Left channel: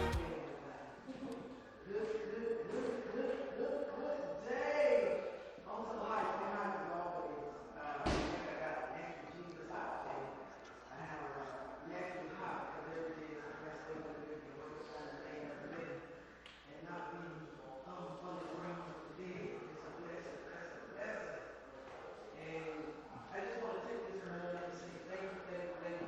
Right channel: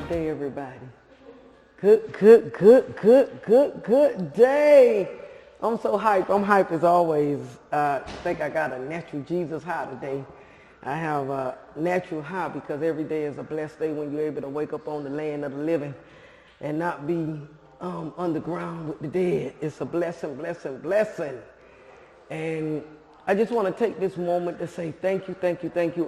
good day, everybody. Good day. I'm so hyped. I'm hyped as always. I think I got a natural Jesus high today. I have a natural high because every day is a blessed day when you're able to wake up on the land of the living and not be underground with the dead. It's a blessing. And I just want to take this moment to say thank you,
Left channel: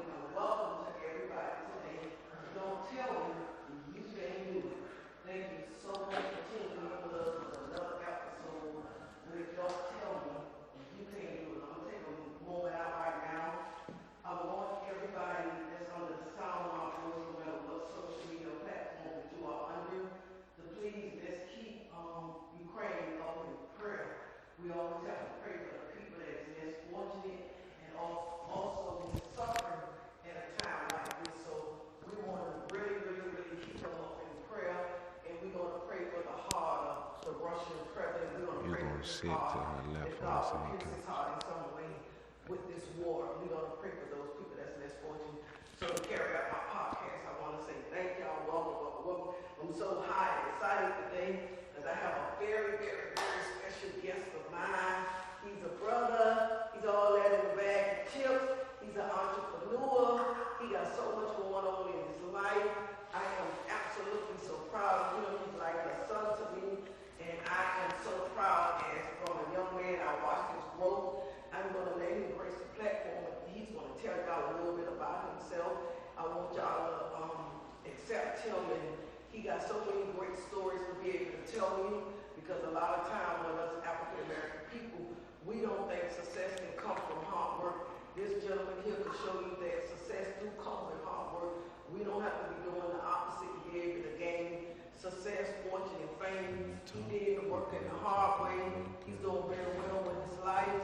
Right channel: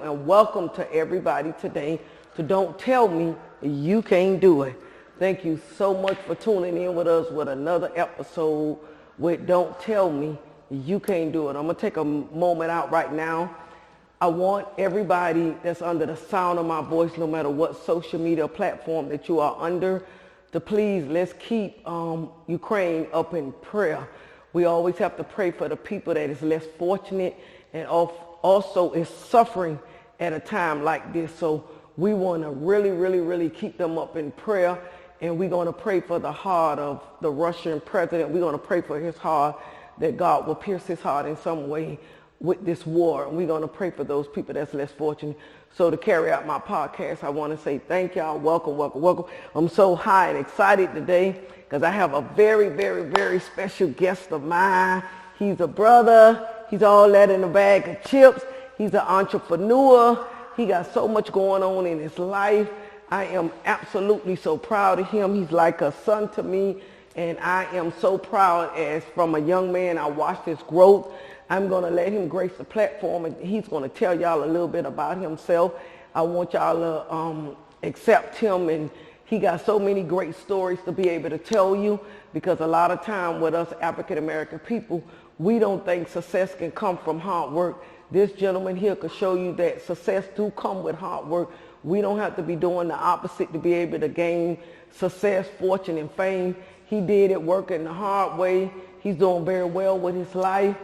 and welcome to everybody today to Don't Tell Me You Can't Do It. Thank you so much for tuning in with us with another episode with Don't Tell Me You Can't Do It. I'm going to take a moment out right now. I want everybody that's under the sound of my voice, no matter what social media platform that you are under, to please let's keep Ukraine up in prayer. We always have to pray for the people that is less fortunate and also is suffering at a time like this. So we want to really keep them up in prayer. And we're going to pray for the heart of the Russian president. We're going to pray for his heart, that God will pierce his heart in some way with this war. And we're going to pray for those people that's less fortunate. So to carry out my podcast, I want to say thank y'all. Welcome. I'm so high and excited today because I have a very special guest of mine. He's a brother. He's all that in a bag of chips. He's an entrepreneur. He got so much going on in his life. I am absolutely so proud of him. He's like a son to me, and I am so proud as from a young man I watched his growth. I'm going to let him grace the platform, and he's going to tell y'all a little bit about himself. I want y'all to accept him, and he got so many great stories to be able to tell you, because a lot of time with us African American people, we don't think success can come from hard work. This gentleman here could show you that success do come with hard work. We don't have to be doing the opposite to be able to gain success, fortune, and fame. He did it working the hard way. He's doing very well with his life.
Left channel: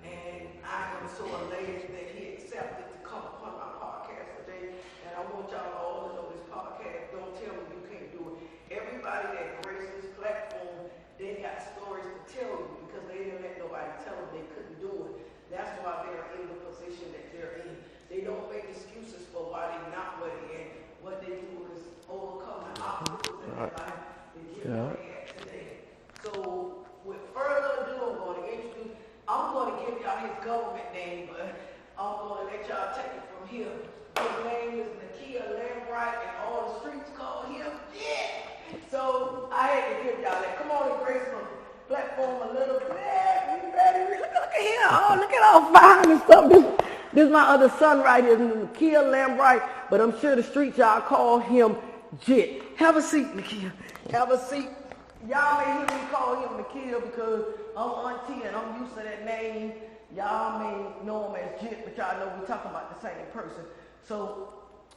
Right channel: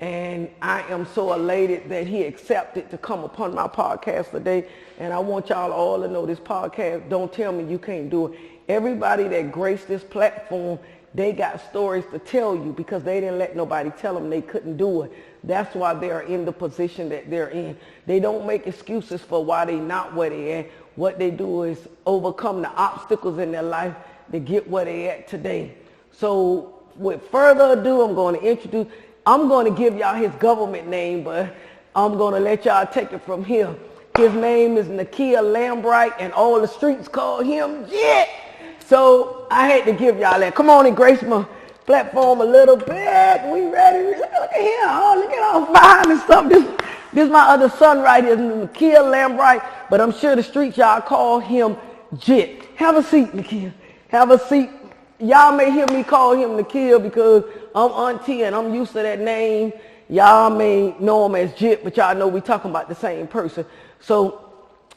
And I am so elated that he accepted to come upon my podcast today. And I want y'all all to know this podcast, Don't Tell Me You Can't Do It. Everybody that graced this platform, they got stories to tell you because they didn't let nobody tell them they couldn't do it. That's why they're in the position that they're in. They don't make excuses for why they not where they at. What they do is overcome the obstacles in their life to get where they at today. So with further ado, I'm going to give y'all his government name, but I'm going to let y'all take it from here. His name is Nakia Lambright, and all the streets call him Jet. So I had to give y'all that. Come on and grace my platform a little bit. We ready? Look at him. Oh, look at all fine and stuff. This is my other son right here, Nakia Lambright, but I'm sure the streets y'all call him Jet. Have a seat, Nakia. Have a seat. Y'all may hear me call him Nakia because I'm auntie and I'm used to that name. Y'all may know him as Jit, but y'all know we talking about the same person. So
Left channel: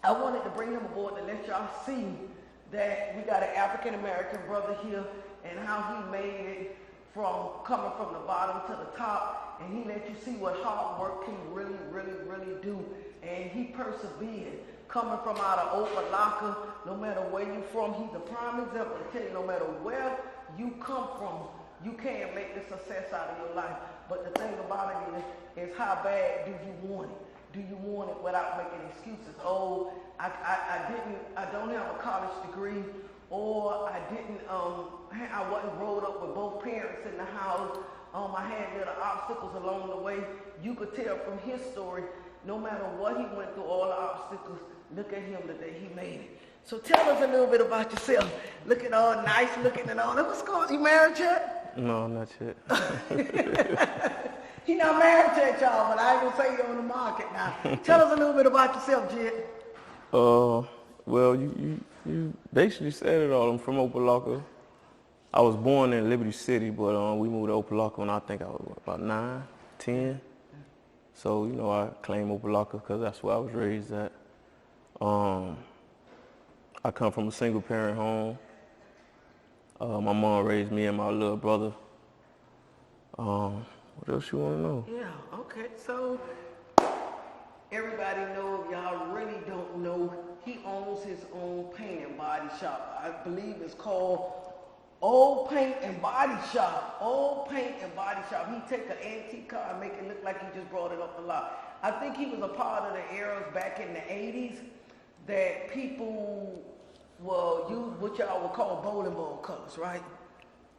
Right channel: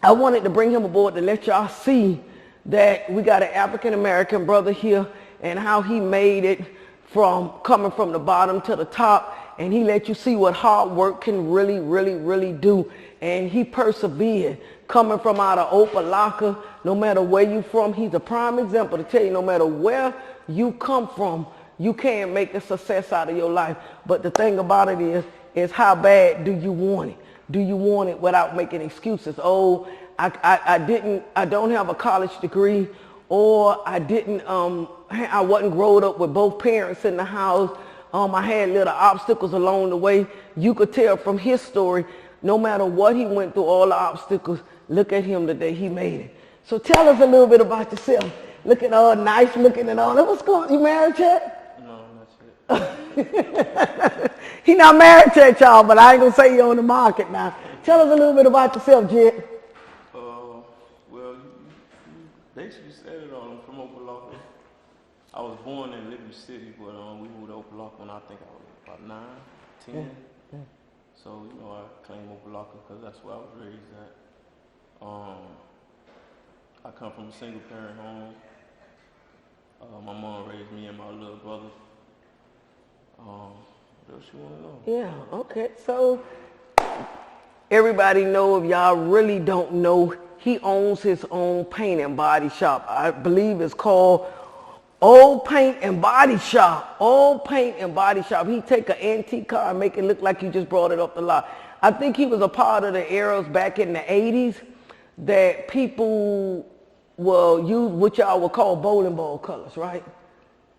I wanted to bring him aboard to let y'all see that we got an African-American brother here and how he made it from coming from the bottom to the top. And he let you see what hard work can really do. And he persevered. Coming from out of Opalaka, no matter where you from, he's a prime example to tell you no matter where you come from, you can't make a success out of your life. But the thing about it is how bad do you want it? Do you want it without making excuses? Oh, I don't have a college degree, or I wasn't growing up with both parents in the house. I had little obstacles along the way. You could tell from his story, no matter what he went through, all the obstacles, look at him today, he made it. So tell us a little bit about yourself. Looking all nice, looking at all that. What's going on? You married yet? No, not yet. He not married yet, y'all, but I ain't gonna say you're on the market now. Tell us a little bit about yourself, Jet. Well, you basically said it all. I'm from Opalaka. I was born in Liberty City, but we moved to Opalaka when I think I was about 9, 10. So, I claim Opalaka because that's where I was raised at. I come from a single parent home. My mom raised me and my little brother. What else you want to know? Yeah, okay. So everybody know, if y'all really don't know, he owns his own paint and body shop. I believe it's called Old Paint and Body Shop. Old Paint and Body Shop. He take an antique car and make it look like you just brought it up the lot. I think he was a part of the eras back in the 80s that people well, you what y'all would call bowling ball colors, right?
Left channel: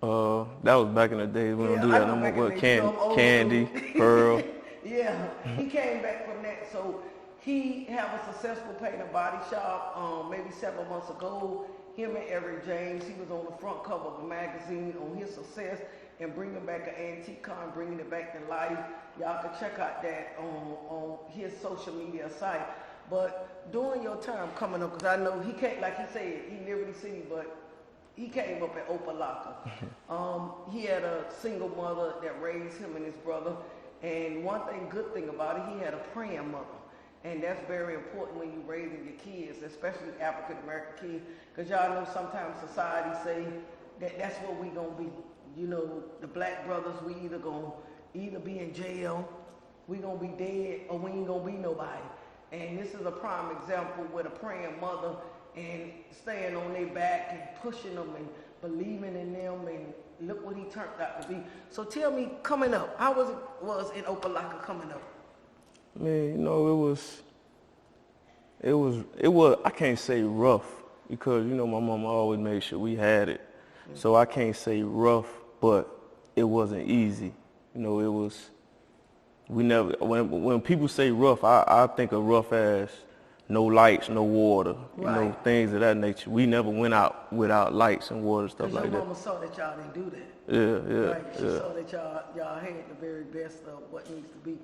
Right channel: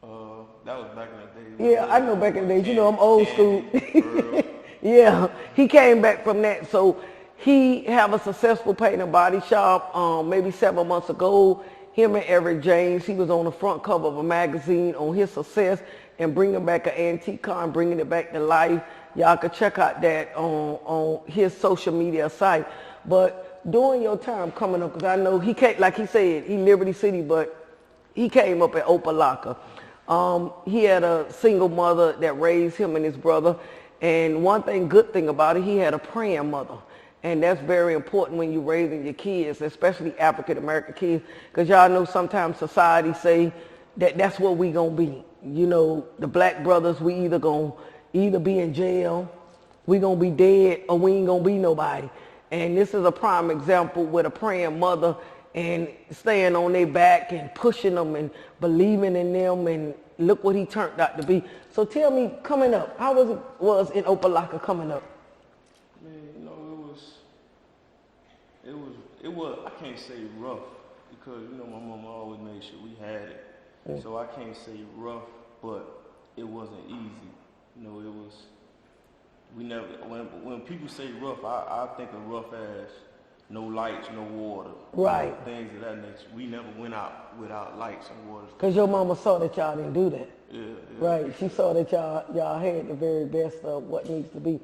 That was back in the day. We Yeah, don't do I that know no back more, in the but days. You know, I'm old Candy, school. Pearl. Yeah, he came back from that. So he have a successful paint and body shop. Maybe 7 months ago, him and Eric James, he was on the front cover of a magazine on his success and bringing back an antique car and bringing it back to life. Y'all can check out that on his social media site. But during your time coming up, because I know he can't, like he said, he Liberty City, but he came up at Opalaka. He had a single mother that raised him and his brother. And one good thing about it, he had a praying mother. And that's very important when you're raising your kids, especially African-American kids. Because y'all know sometimes society say that that's what we going to be. You know, the black brothers, we either going to be in jail, we going to be dead, or we ain't going to be nobody. And this is a prime example with a praying mother and staying on their back and pushing them and believing in them, and look what he turned out to be. So tell me, coming up, how was in Opalaka coming up? Man, you know, it was, I can't say rough because, you know, my mama always made sure we had it. So I can't say rough, but it wasn't easy. You know, it was, we never, when people say rough, I think of rough as no lights, no water, right. You know, things of that nature. We never went out without lights and water stuff. Because your mama saw that y'all didn't do that. Yeah. Right. She saw that y'all had the very best of what needs to be.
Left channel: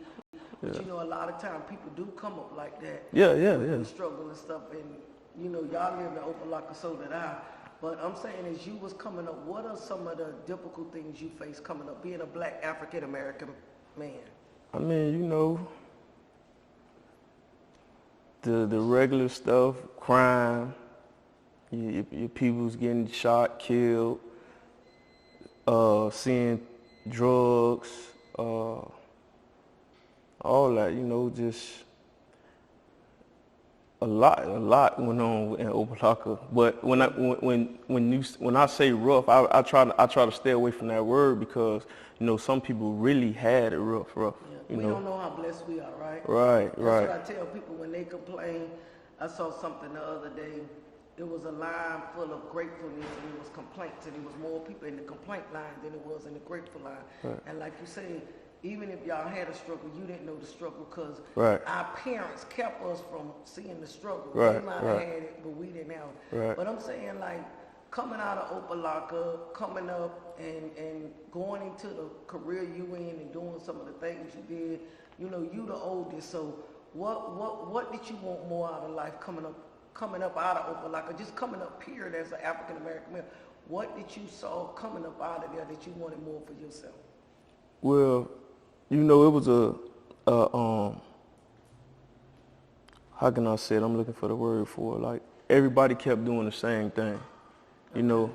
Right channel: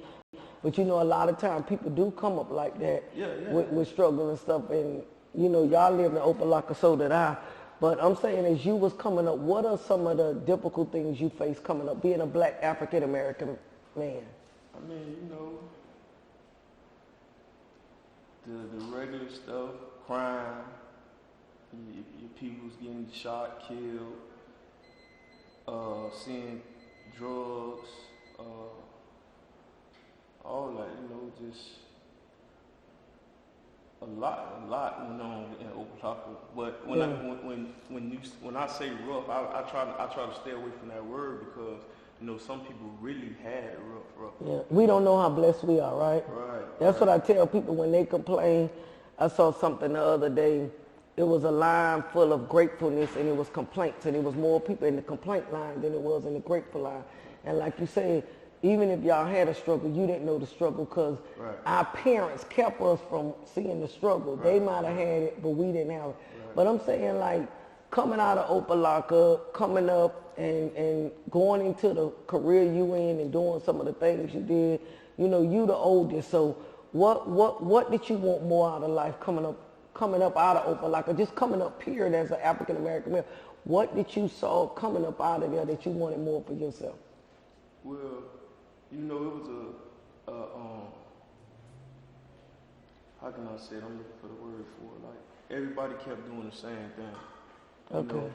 But you know, a lot of times people do come up like that. With struggle and stuff. And you know, y'all live in Opalaka, so did I. But I'm saying, as you was coming up, what are some of the difficult things you faced coming up, being a black African American man? I mean, you know, the regular stuff, crime, your people's getting shot, killed, seeing drugs, all that, you know, just a lot went on in Opalaka. But when I say rough, I try to stay away from that word because, you know, some people really had it rough. Yeah. We don't know how blessed we are, right? Right. That's what I tell people when they complain. I saw something the other day. It was a line full of gratefulness and it was complaints, and it was more people in the complaint line than it was in the grateful line. Right. And like you said, even if y'all had a struggle, you didn't know the struggle because our parents kept us from seeing the struggle. Right. They might have had it, but we didn't have it. Right. But I'm saying, like, coming out of Opalaka, coming up and going into the career you in and doing some of the things you did, you know, you the oldest. So what did you want more out of life coming up out of Opalaka, just coming up period as an African American male? What did you saw coming up out of there that you wanted more for yourself? Well, you know, it was how can I say it? I'm looking for the word for it. Like, everybody kept doing the same thing. You know,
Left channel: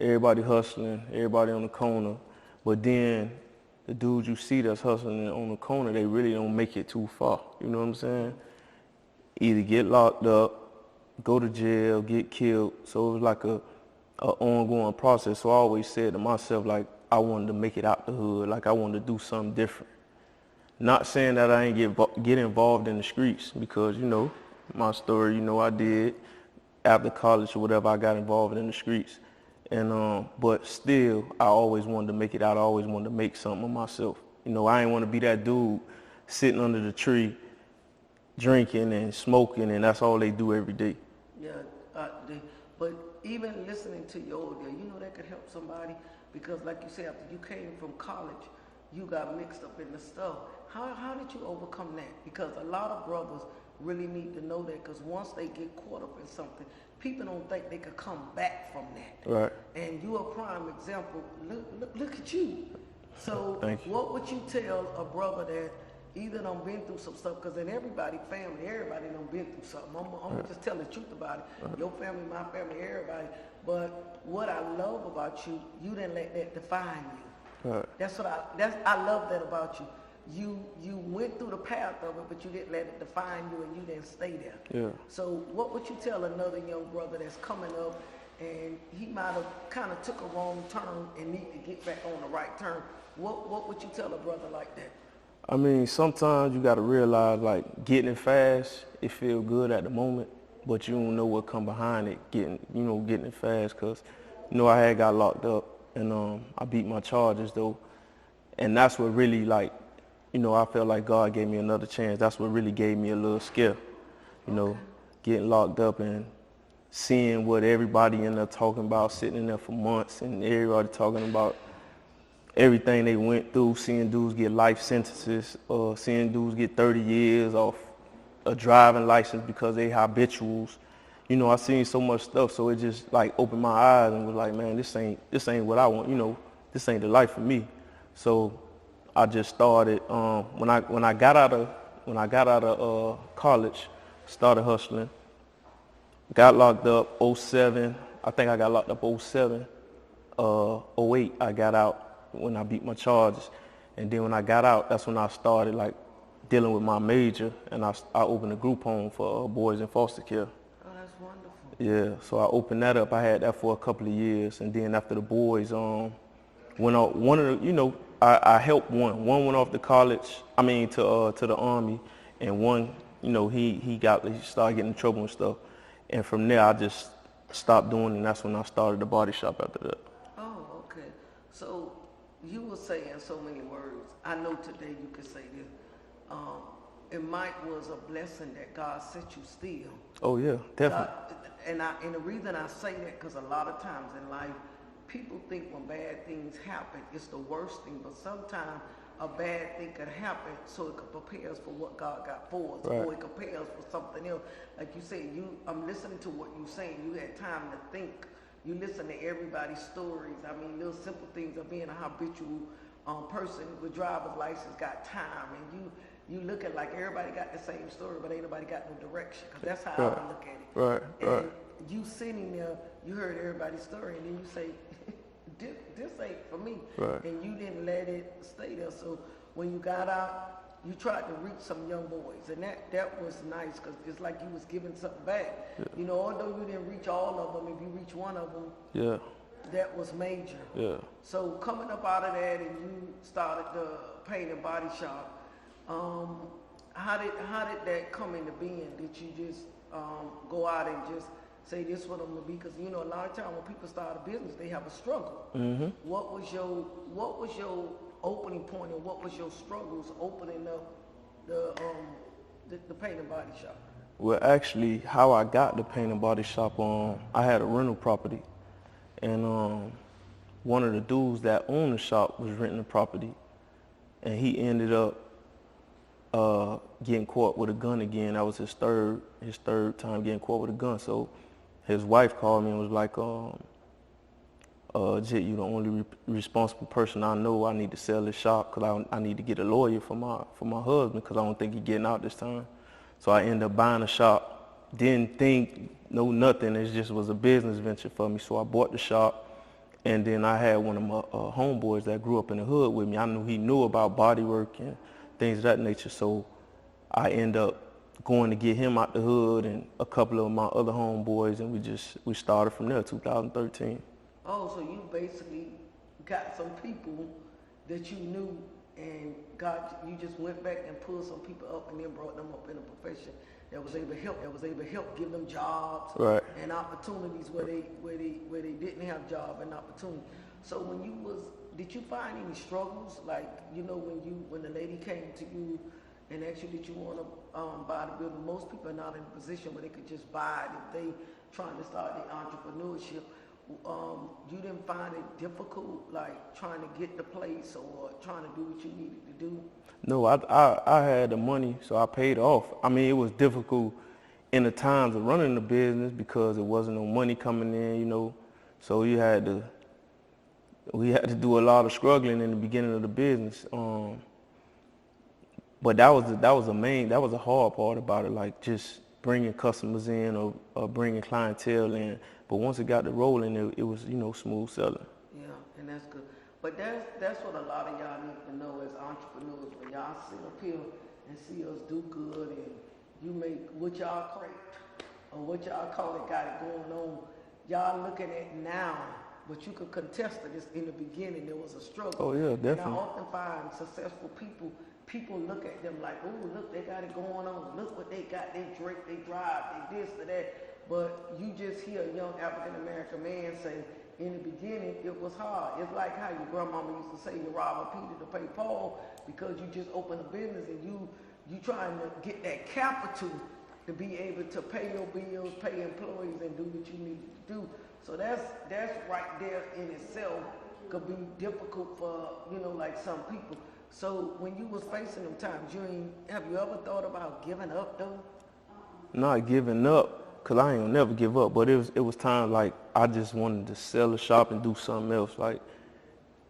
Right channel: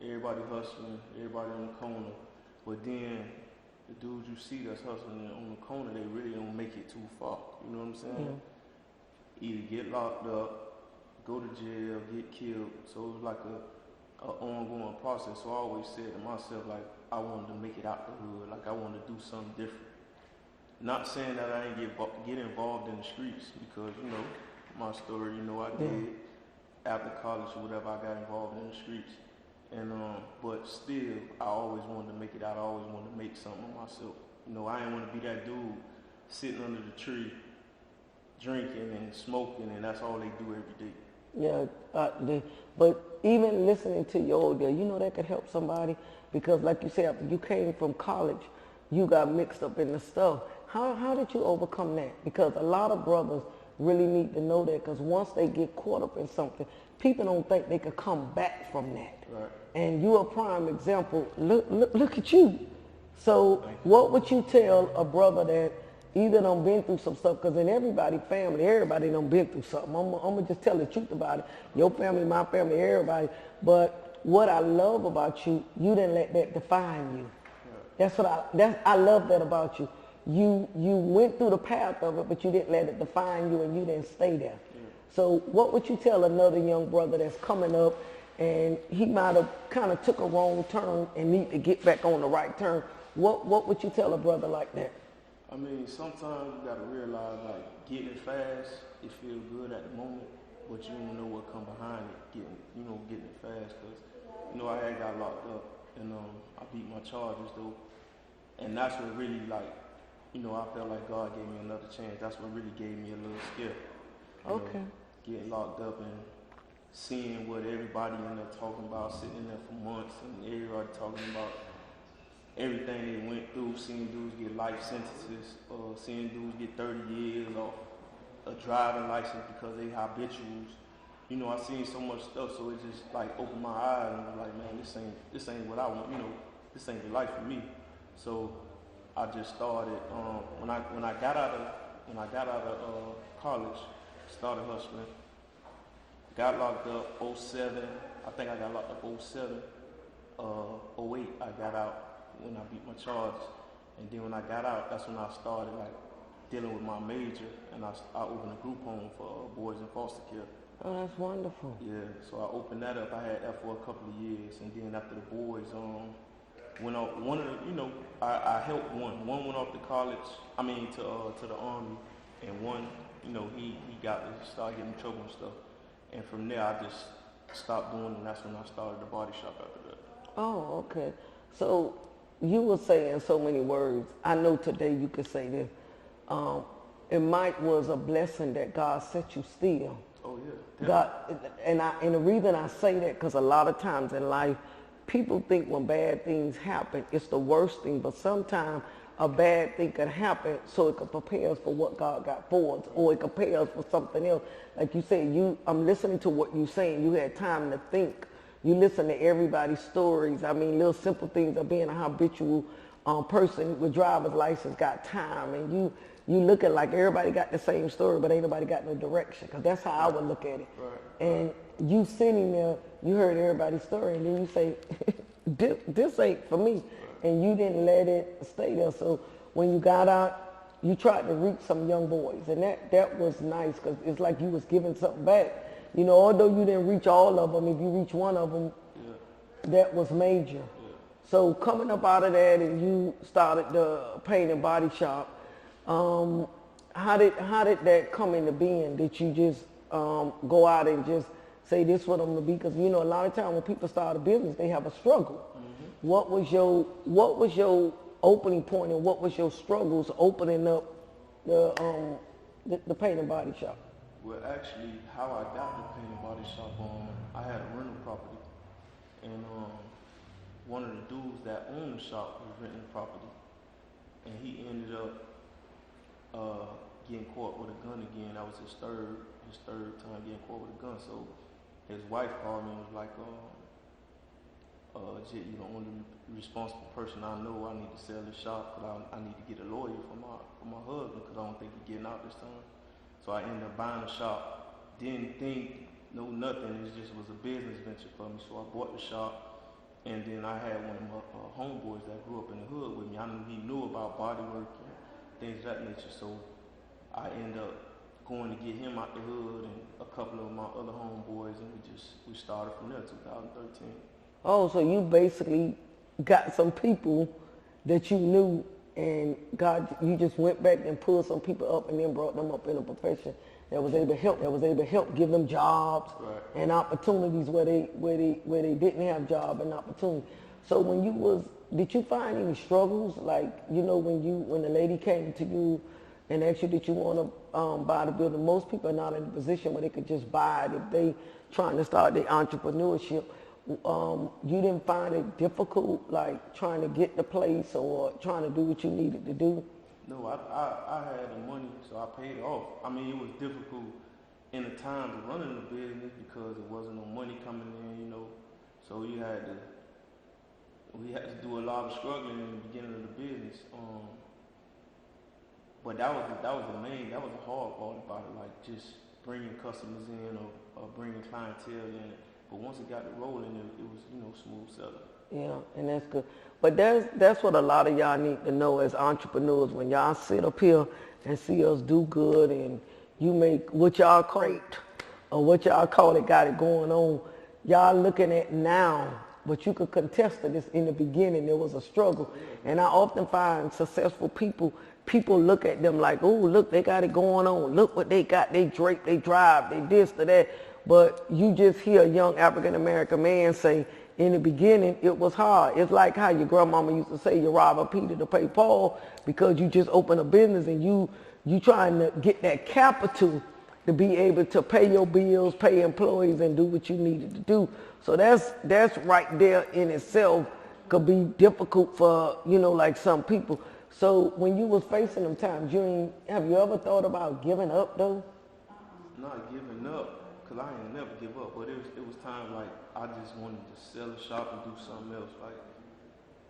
everybody hustling, everybody on the corner, but then the dudes you see that's hustling on the corner, they really don't make it too far. You know what I'm saying? Either get locked up, go to jail, get killed. So it was like a ongoing process. So I always said to myself, like, I wanted to make it out the hood. Like, I wanted to do something different. Not saying that I ain't get involved in the streets because, you know, my story, you know, I did. After college or whatever, I got involved in the streets. And but still, I always wanted to make it out. I always wanted to make something of myself. You know, I didn't want to be that dude sitting under the tree, drinking and smoking, and that's all they do every day. Yeah, but even listening to you all there, you know, that could help somebody because, like you said, after you came from college, you got mixed up in the stuff. How did you overcome that? Because a lot of brothers really need to know that, because once they get caught up in something, people don't think they could come back from that. Right. And you're a prime example. Look at you. So Thank you. what would you tell a brother that either done been through some stuff, because in everybody's family, everybody done been through something. I'm gonna just tell the truth about it. Your family, my family, everybody. But what I love about you, you didn't let that define you. Right. I love that about you. You went through the path of it, but you didn't let it define you, and you didn't stay there. Yeah. So what would you tell another young brother that's coming up and he might have kind of took a wrong turn and need to get back on the right turn? What would you tell a brother like that? I mean, sometimes you got to realize, like, getting fast, it feel good at the moment, but you don't know what come behind it, getting it fast. Cause, I had got locked up, and I beat my charges though, and that's what really like, I felt like God gave me another chance. That's what really gave me a little scare, getting locked up and seeing what everybody in there talking about, sitting in there for months, and everybody talking about everything they went through, seeing dudes get life sentences, or seeing dudes get 30 years off a driving license because they habituals. I seen so much stuff, so it just like opened my eyes and was like, man, this ain't what I want. This ain't the life for me. So I just started when I got out of college, started hustling. Got locked up 07. I think I got locked up 07. 08 I got out when I beat my charges, and then when I got out, that's when I started like dealing with my major, and I opened a group home for boys in foster care. Oh, that's wonderful. Yeah, so I opened that up. I had that for a couple of years, and then after the boys went out, one of the, I helped one. One went off to college. I mean to the Army, and one, he started getting in trouble and stuff, and from there I just stopped doing it, and that's when I started the body shop after that. Oh, okay. So you were saying so many words. I know today you could say this. It might was a blessing that God set you still. Oh yeah, definitely. God, and the reason I say that, because a lot of times in life, people think when bad things happen, it's the worst thing. But sometimes a bad thing can happen so it can prepare us for what God got for us, Right. or it can prepare us for something else. Like you said, I'm listening to what you're saying. You had time to think. You listen to everybody's stories. I mean, little simple things of being a habitual person with driver's license, got time, and you looking like everybody got the same story, but ain't nobody got no direction. Because that's how I would look at it. Right. And you sitting there, you heard everybody's story, and then you say, this ain't for me. Right. And you didn't let it stay there. So when you got out, you tried to reach some young boys, and that was nice, because it's like you was giving something back. Yeah. Although you didn't reach all of them, if you reach one of them, yeah, that was major. Yeah. So coming up out of that, and you started the paint and body shop. How did that come into being? Did you just go out and just say this what I'm gonna be? Because a lot of times when people start a business, they have a struggle. Mm-hmm. What was your opening point, and what was your struggles opening up the paint and body shop? Well, actually, how I got the paint and body shop, I had a rental property, and one of the dudes that owned the shop was renting the property, and he ended up getting caught with a gun again. That was his third time getting caught with a gun. So his wife called me and was like, Jit, you the only responsible person I know. I need to sell this shop because I need to get a lawyer for my husband, because I don't think he's getting out this time. So I ended up buying the shop. Didn't think, no nothing. It just was a business venture for me. So I bought the shop. And then I had one of my homeboys that grew up in the hood with me. I knew he knew about body work and things of that nature. So I ended up going to get him out the hood and a couple of my other homeboys, and we started from there, 2013. Oh, so you basically got some people that you knew, and you just went back and pulled some people up and then brought them up in a profession that was able to help give them jobs, right, and opportunities where they didn't have job and opportunity. So did you find any struggles, like when the lady came to you and asked you did you want to buy the building? Most people are not in a position where they could just buy it if they trying to start their entrepreneurship. You didn't find it difficult, like trying to get the place or trying to do what you needed to do? No, I had the money, so I paid off. I mean, it was difficult in the times of running the business because there wasn't no money coming in, So we had to do a lot of struggling in the beginning of the business. But that was a hard part about it, like just bringing customers in or bringing clientele in. But once it got to rolling, it was, smooth selling. Yeah, and that's good. But that's what a lot of y'all need to know as entrepreneurs. When y'all sit up here and see us do good, and you make what y'all call it, or what y'all call it, got it going on, y'all looking at now, but you could contest to this in the beginning. There was a struggle. Oh, yeah, definitely. And I often find successful people people look at them like, oh, look, they got it going on. Look what they got. They drape, they drive, they this, they that. But you just hear a young African-American man say, in the beginning, it was hard. It's like how your grandmama used to say, you rob a Peter to pay Paul, because you just open a business and you trying to get that capital to be able to pay your bills, pay employees, and do what you needed to do. So that's right there in itself could be difficult for, like some people. So when you was facing them times, have you ever thought about giving up though? Not giving up, because I ain't gonna never give up, but it was times like I just wanted to sell the shop and do something else. Like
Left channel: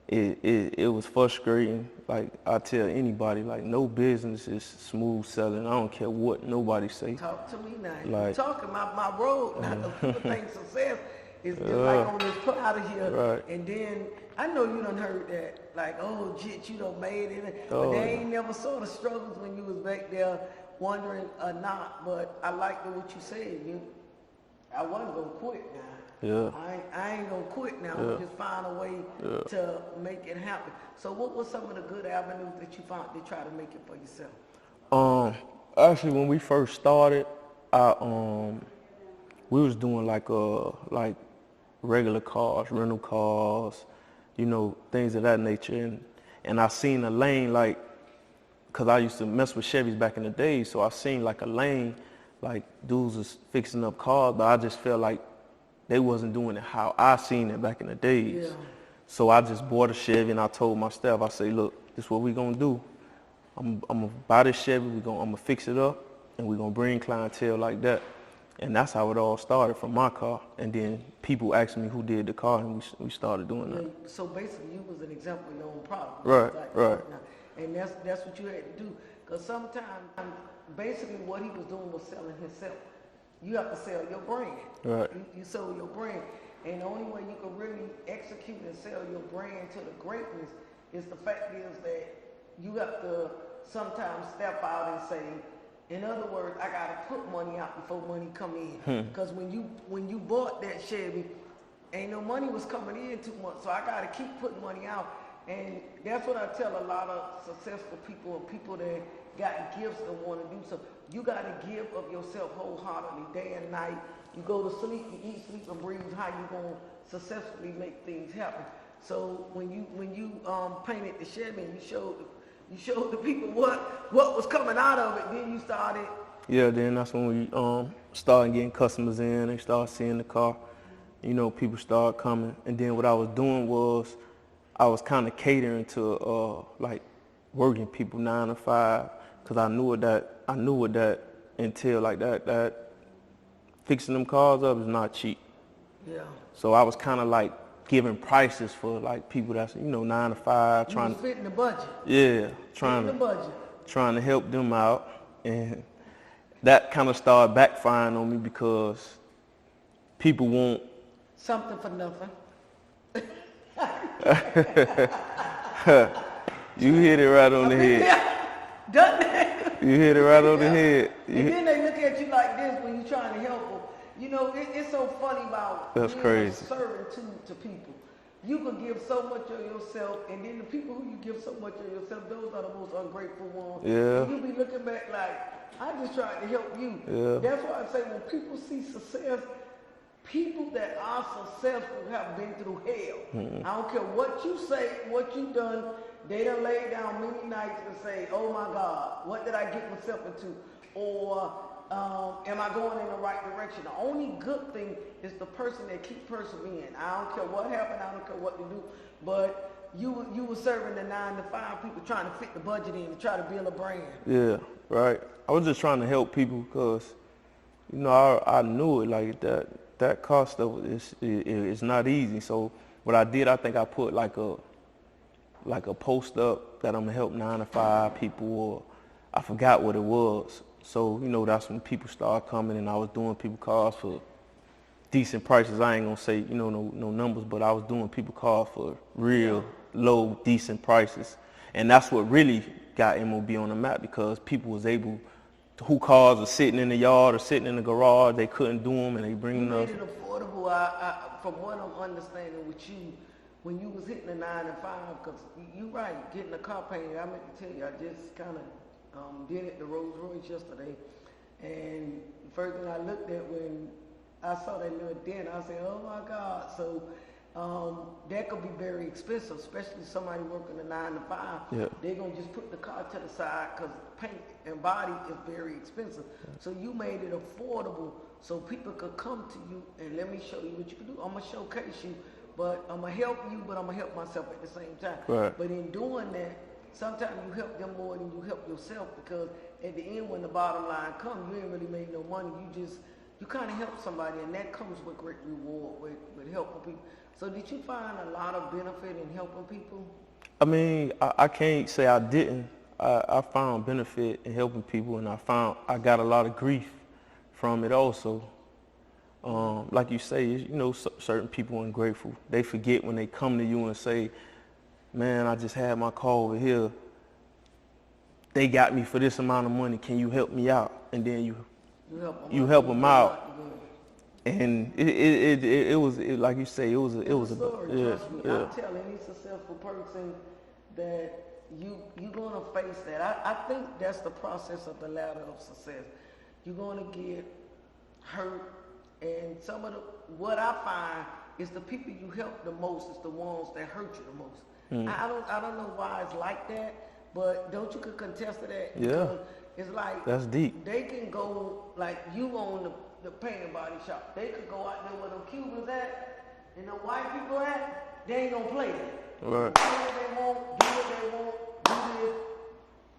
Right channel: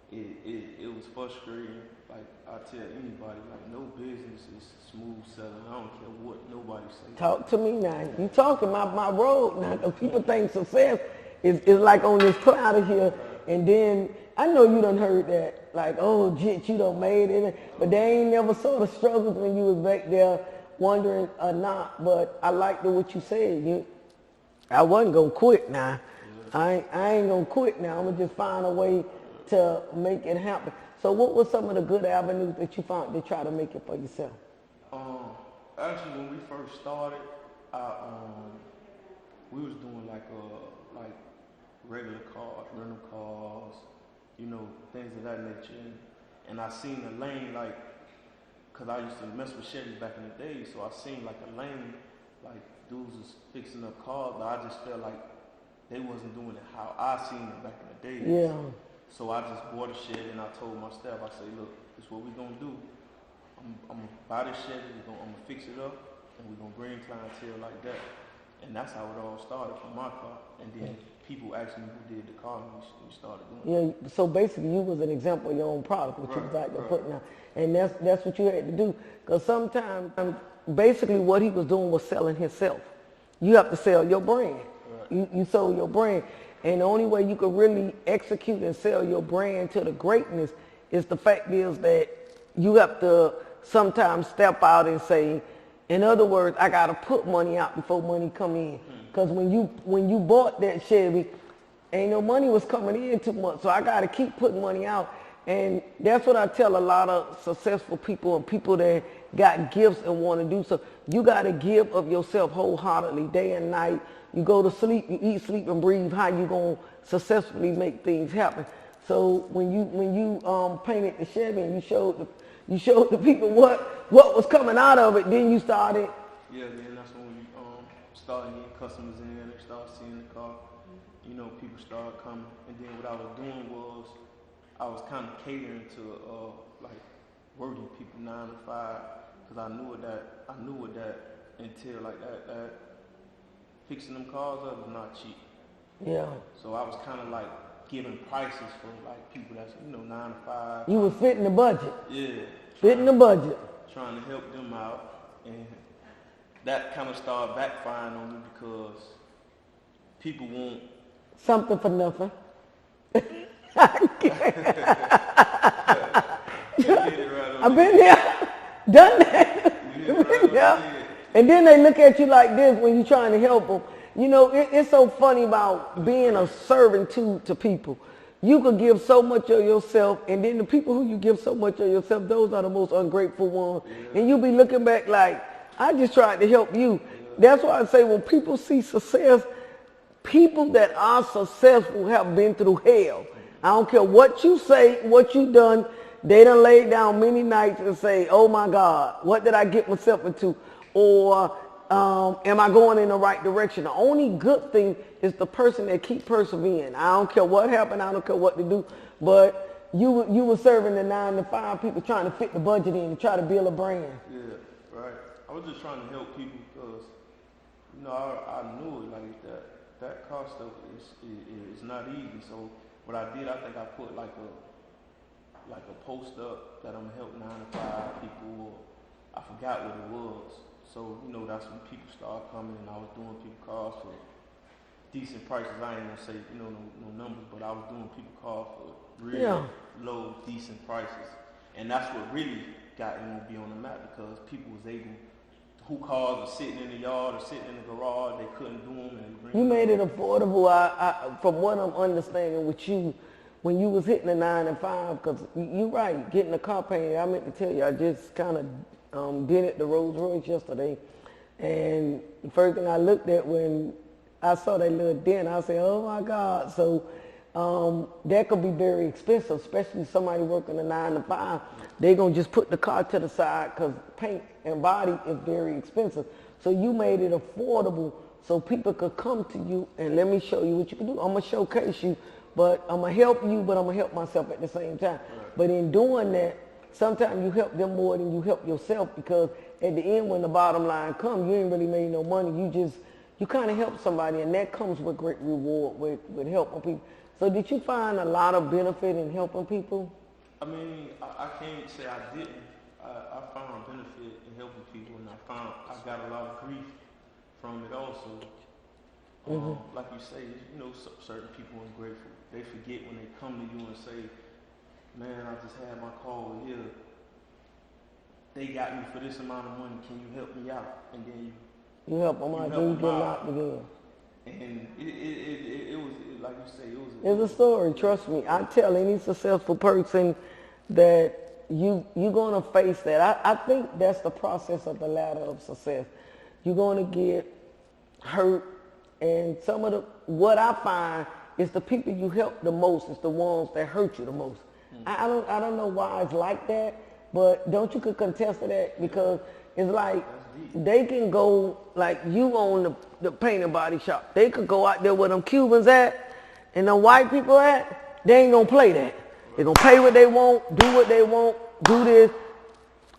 it was frustrating. Like I tell anybody, like no business is smooth selling. I don't care what nobody say. Talk to me now. Like, you talking my road now, because people think success is like on this cloud of here. Right. And then I know you done heard that, like, oh, Jit, you done made it. But they ain't never saw the struggles when you was back there wondering or not. But I liked what you said. I wasn't gonna quit now. Yeah. I ain't gonna quit now. I'm gonna just find a way to make it happen. So what were some of the good avenues that you found to try to make it for yourself? Actually, when we first started, we was doing like regular cars, rental cars, things of that nature. And I seen a lane, like, cause I used to mess with Chevys back in the day, so I seen like a lane, like dudes was fixing up cars, but I just felt like they wasn't doing it how I seen it back in the days. Yeah. So I just bought a Chevy and I told my staff, I say, look, this is what we gonna do. I'm gonna buy this Chevy, I'm gonna fix it up, and we're gonna bring clientele like that. And that's how it all started, from my car. And then people asked me who did the car, and we started doing that. So basically you was an example of your own product. Right. And that's what you had to do. Because sometimes, basically what he was doing was selling himself. You have to sell your brand. Right. You sold your brand. And the only way you could really execute and sell your brand to the greatness is the fact is that you have to sometimes step out and say, in other words, I got to put money out before money come in. Because when you bought that Chevy, ain't no money was coming in too much. So I got to keep putting money out. And that's what I tell a lot of successful people and people that got gifts and want to do so. You got to give of yourself wholeheartedly, day and night. You go to sleep, you eat, sleep, and breathe. How you gonna successfully make things happen? So when you painted the Chevy and you showed the people what was coming out of it, then you started. Yeah, then that's when we started getting customers in. They started seeing the car. People started coming. And then what I was doing was I was kind of catering to like working people 9 to 5, because I knew what that entailed. Like that fixing them cars up is not cheap. Yeah. So I was kind of like giving prices for like people that's 9 to 5. You was fitting the budget. Yeah. Fitting the budget. Trying to help them out, and that kind of started backfiring on me because people want something for nothing. You hit it right on the head. There, done that. You hit it right on the head. And then they look at you like this when you're trying to help them. It's so funny about being a servant to people. You could give so much of yourself, and then the people who you give so much of yourself, those are the most ungrateful ones. Yeah. And you'll be looking back like, I just tried to help you. Yeah. That's why I say when people see success, people that are successful have been through hell. I don't care what you say, what you done. They done laid down many nights and say, oh my God, what did I get myself into? Or am I going in the right direction? The only good thing is the person that keep persevering. I don't care what happened. I don't care what to do. But you were serving the 9 to 5 people trying to fit the budget in to try to build a brand. Yeah, right. I was just trying to help people because, I knew it like that cost of it is not easy. So what I did, I think I put like a post up that I'm gonna help 9 to 5 people, or I forgot what it was. So, that's when people started coming, and I was doing people cars for decent prices. I ain't gonna say, no numbers, but I was doing people cars for real low, decent prices. And that's what really got MOB on the map, because people was able, who cars are sitting in the yard or sitting in the garage, they couldn't do them, and they bring them. You made it affordable. From what I'm understanding with you, when you was hitting the 9 to 5, because you're right, getting a car painted. I meant to tell you, I just kind of did it the Rolls Royce yesterday. And the first thing I looked at when I saw that little dent, I said, oh my God. So that could be very expensive, especially somebody working a 9 to 5. Yeah. They're going to just put the car to the side because paint and body is very expensive. So you made it affordable so people could come to you and let me show you what you can do. I'm going to showcase you, but I'm going to help you, but I'm going to help myself at the same time. Right. But in doing that, sometimes you help them more than you help yourself, because at the end when the bottom line comes, you ain't really made no money. You kind of help somebody, and that comes with great reward with helping people. So did you find a lot of benefit in helping people? I mean, I can't say I didn't. I found benefit in helping people, and I got a lot of grief from it also. Like you say, you know, certain people are ungrateful. They forget when they come to you and say, man, I just had my car over here. They got me for this amount of money. Can you help me out? And then you help them out. And it was like you say, it was a story. Trust me. Yeah. I'm telling any successful person that you're gonna face that. I think that's the process of the ladder of success. You're gonna get hurt, and what I find is the people you help the most is the ones that hurt you the most. I don't know why it's like that, but don't you could contest to that, because it's like that's deep. They can go like you own the paint and body shop. They could go out there where them Cubans at and them white people at. They ain't gonna play that. Right. They gonna pay what they want, do what they want, do this.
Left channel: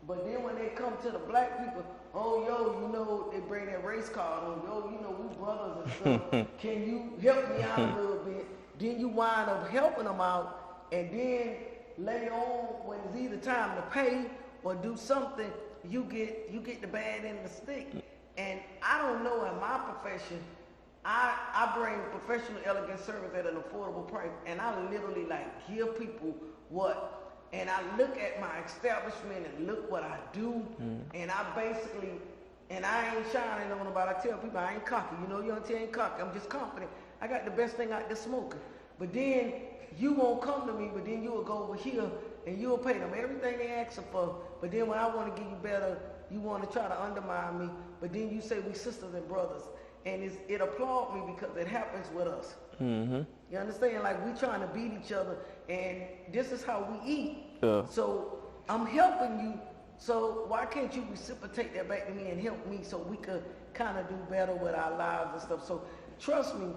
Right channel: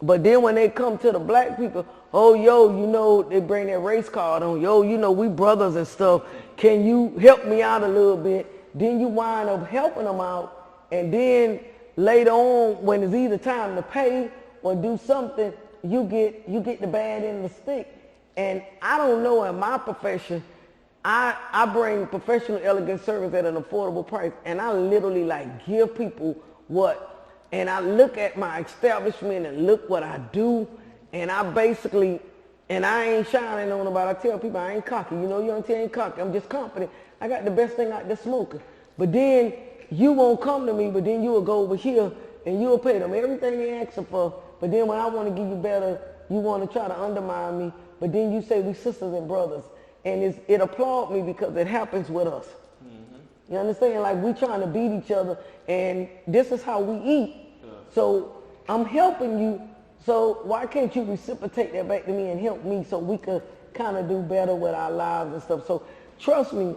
But then when they come to the black people, oh yo, you know, they bring their race card on. Yo, you know, we brothers and stuff. Can you help me out a little bit? Then you wind up helping them out, and then later on, when it's either time to pay or do something, you get the bad end of the stick. And I don't know, in my profession, I bring professional elegant service at an affordable price, and I literally like give people what, and I look at my establishment and look what I do, and I basically, and I ain't shining on nobody. I tell people I ain't cocky. You know, you don't tell me cocky. I'm just confident. I got the best thing out there smoking. But then you won't come to me, but then you will go over here and you'll pay them everything they asking for. But then when I want to give you better, you want to try to undermine me. But then you say we sisters and brothers. And it applaud me because it happens with us. You understand? Like, we trying to beat each other, and this is how we eat. Yeah. So I'm helping you. So why can't you reciprocate that back to me and help me so we could kind of do better with our lives and stuff? So trust me,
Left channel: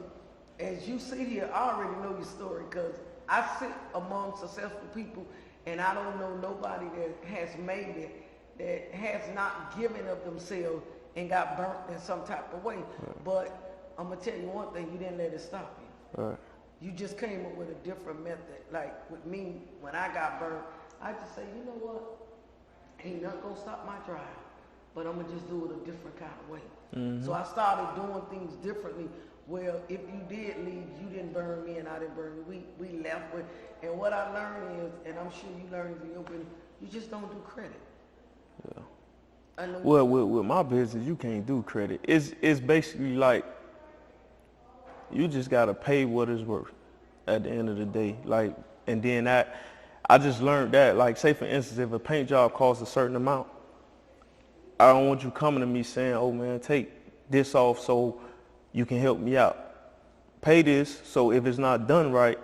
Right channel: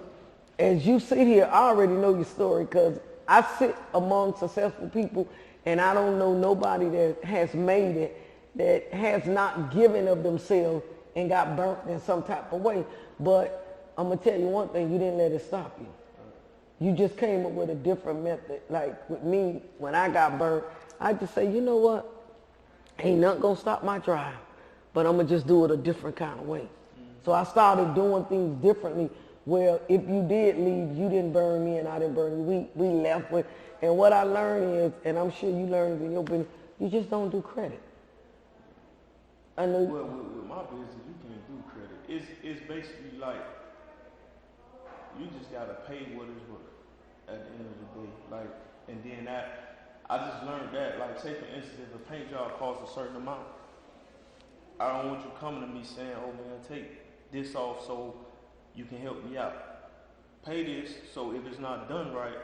as you sit here, I already know your story, because I sit among successful people, and I don't know nobody that has made it that has not given of themselves and got burnt in some type of way. Right. But I'm going to tell you one thing, you didn't let it stop you. Right. You just came up with a different method. Like with me, when I got burnt, I just say, you know what? Ain't nothing going to stop my drive, but I'm going to just do it a different kind of way. So I started doing things differently, where if you did leave, you didn't burn me and I didn't burn you. We left with, and what I learned is, and I'm sure you learned in your business, you just don't do credit. I know. Well, with my business, you can't do credit. It's basically like you just gotta pay what it's worth at the end of the day. Like, and then I just learned that, like, say for instance, if a paint job costs a certain amount, I don't want you coming to me saying, oh man, take this off so you can help me out. Pay this, so if it's not done right,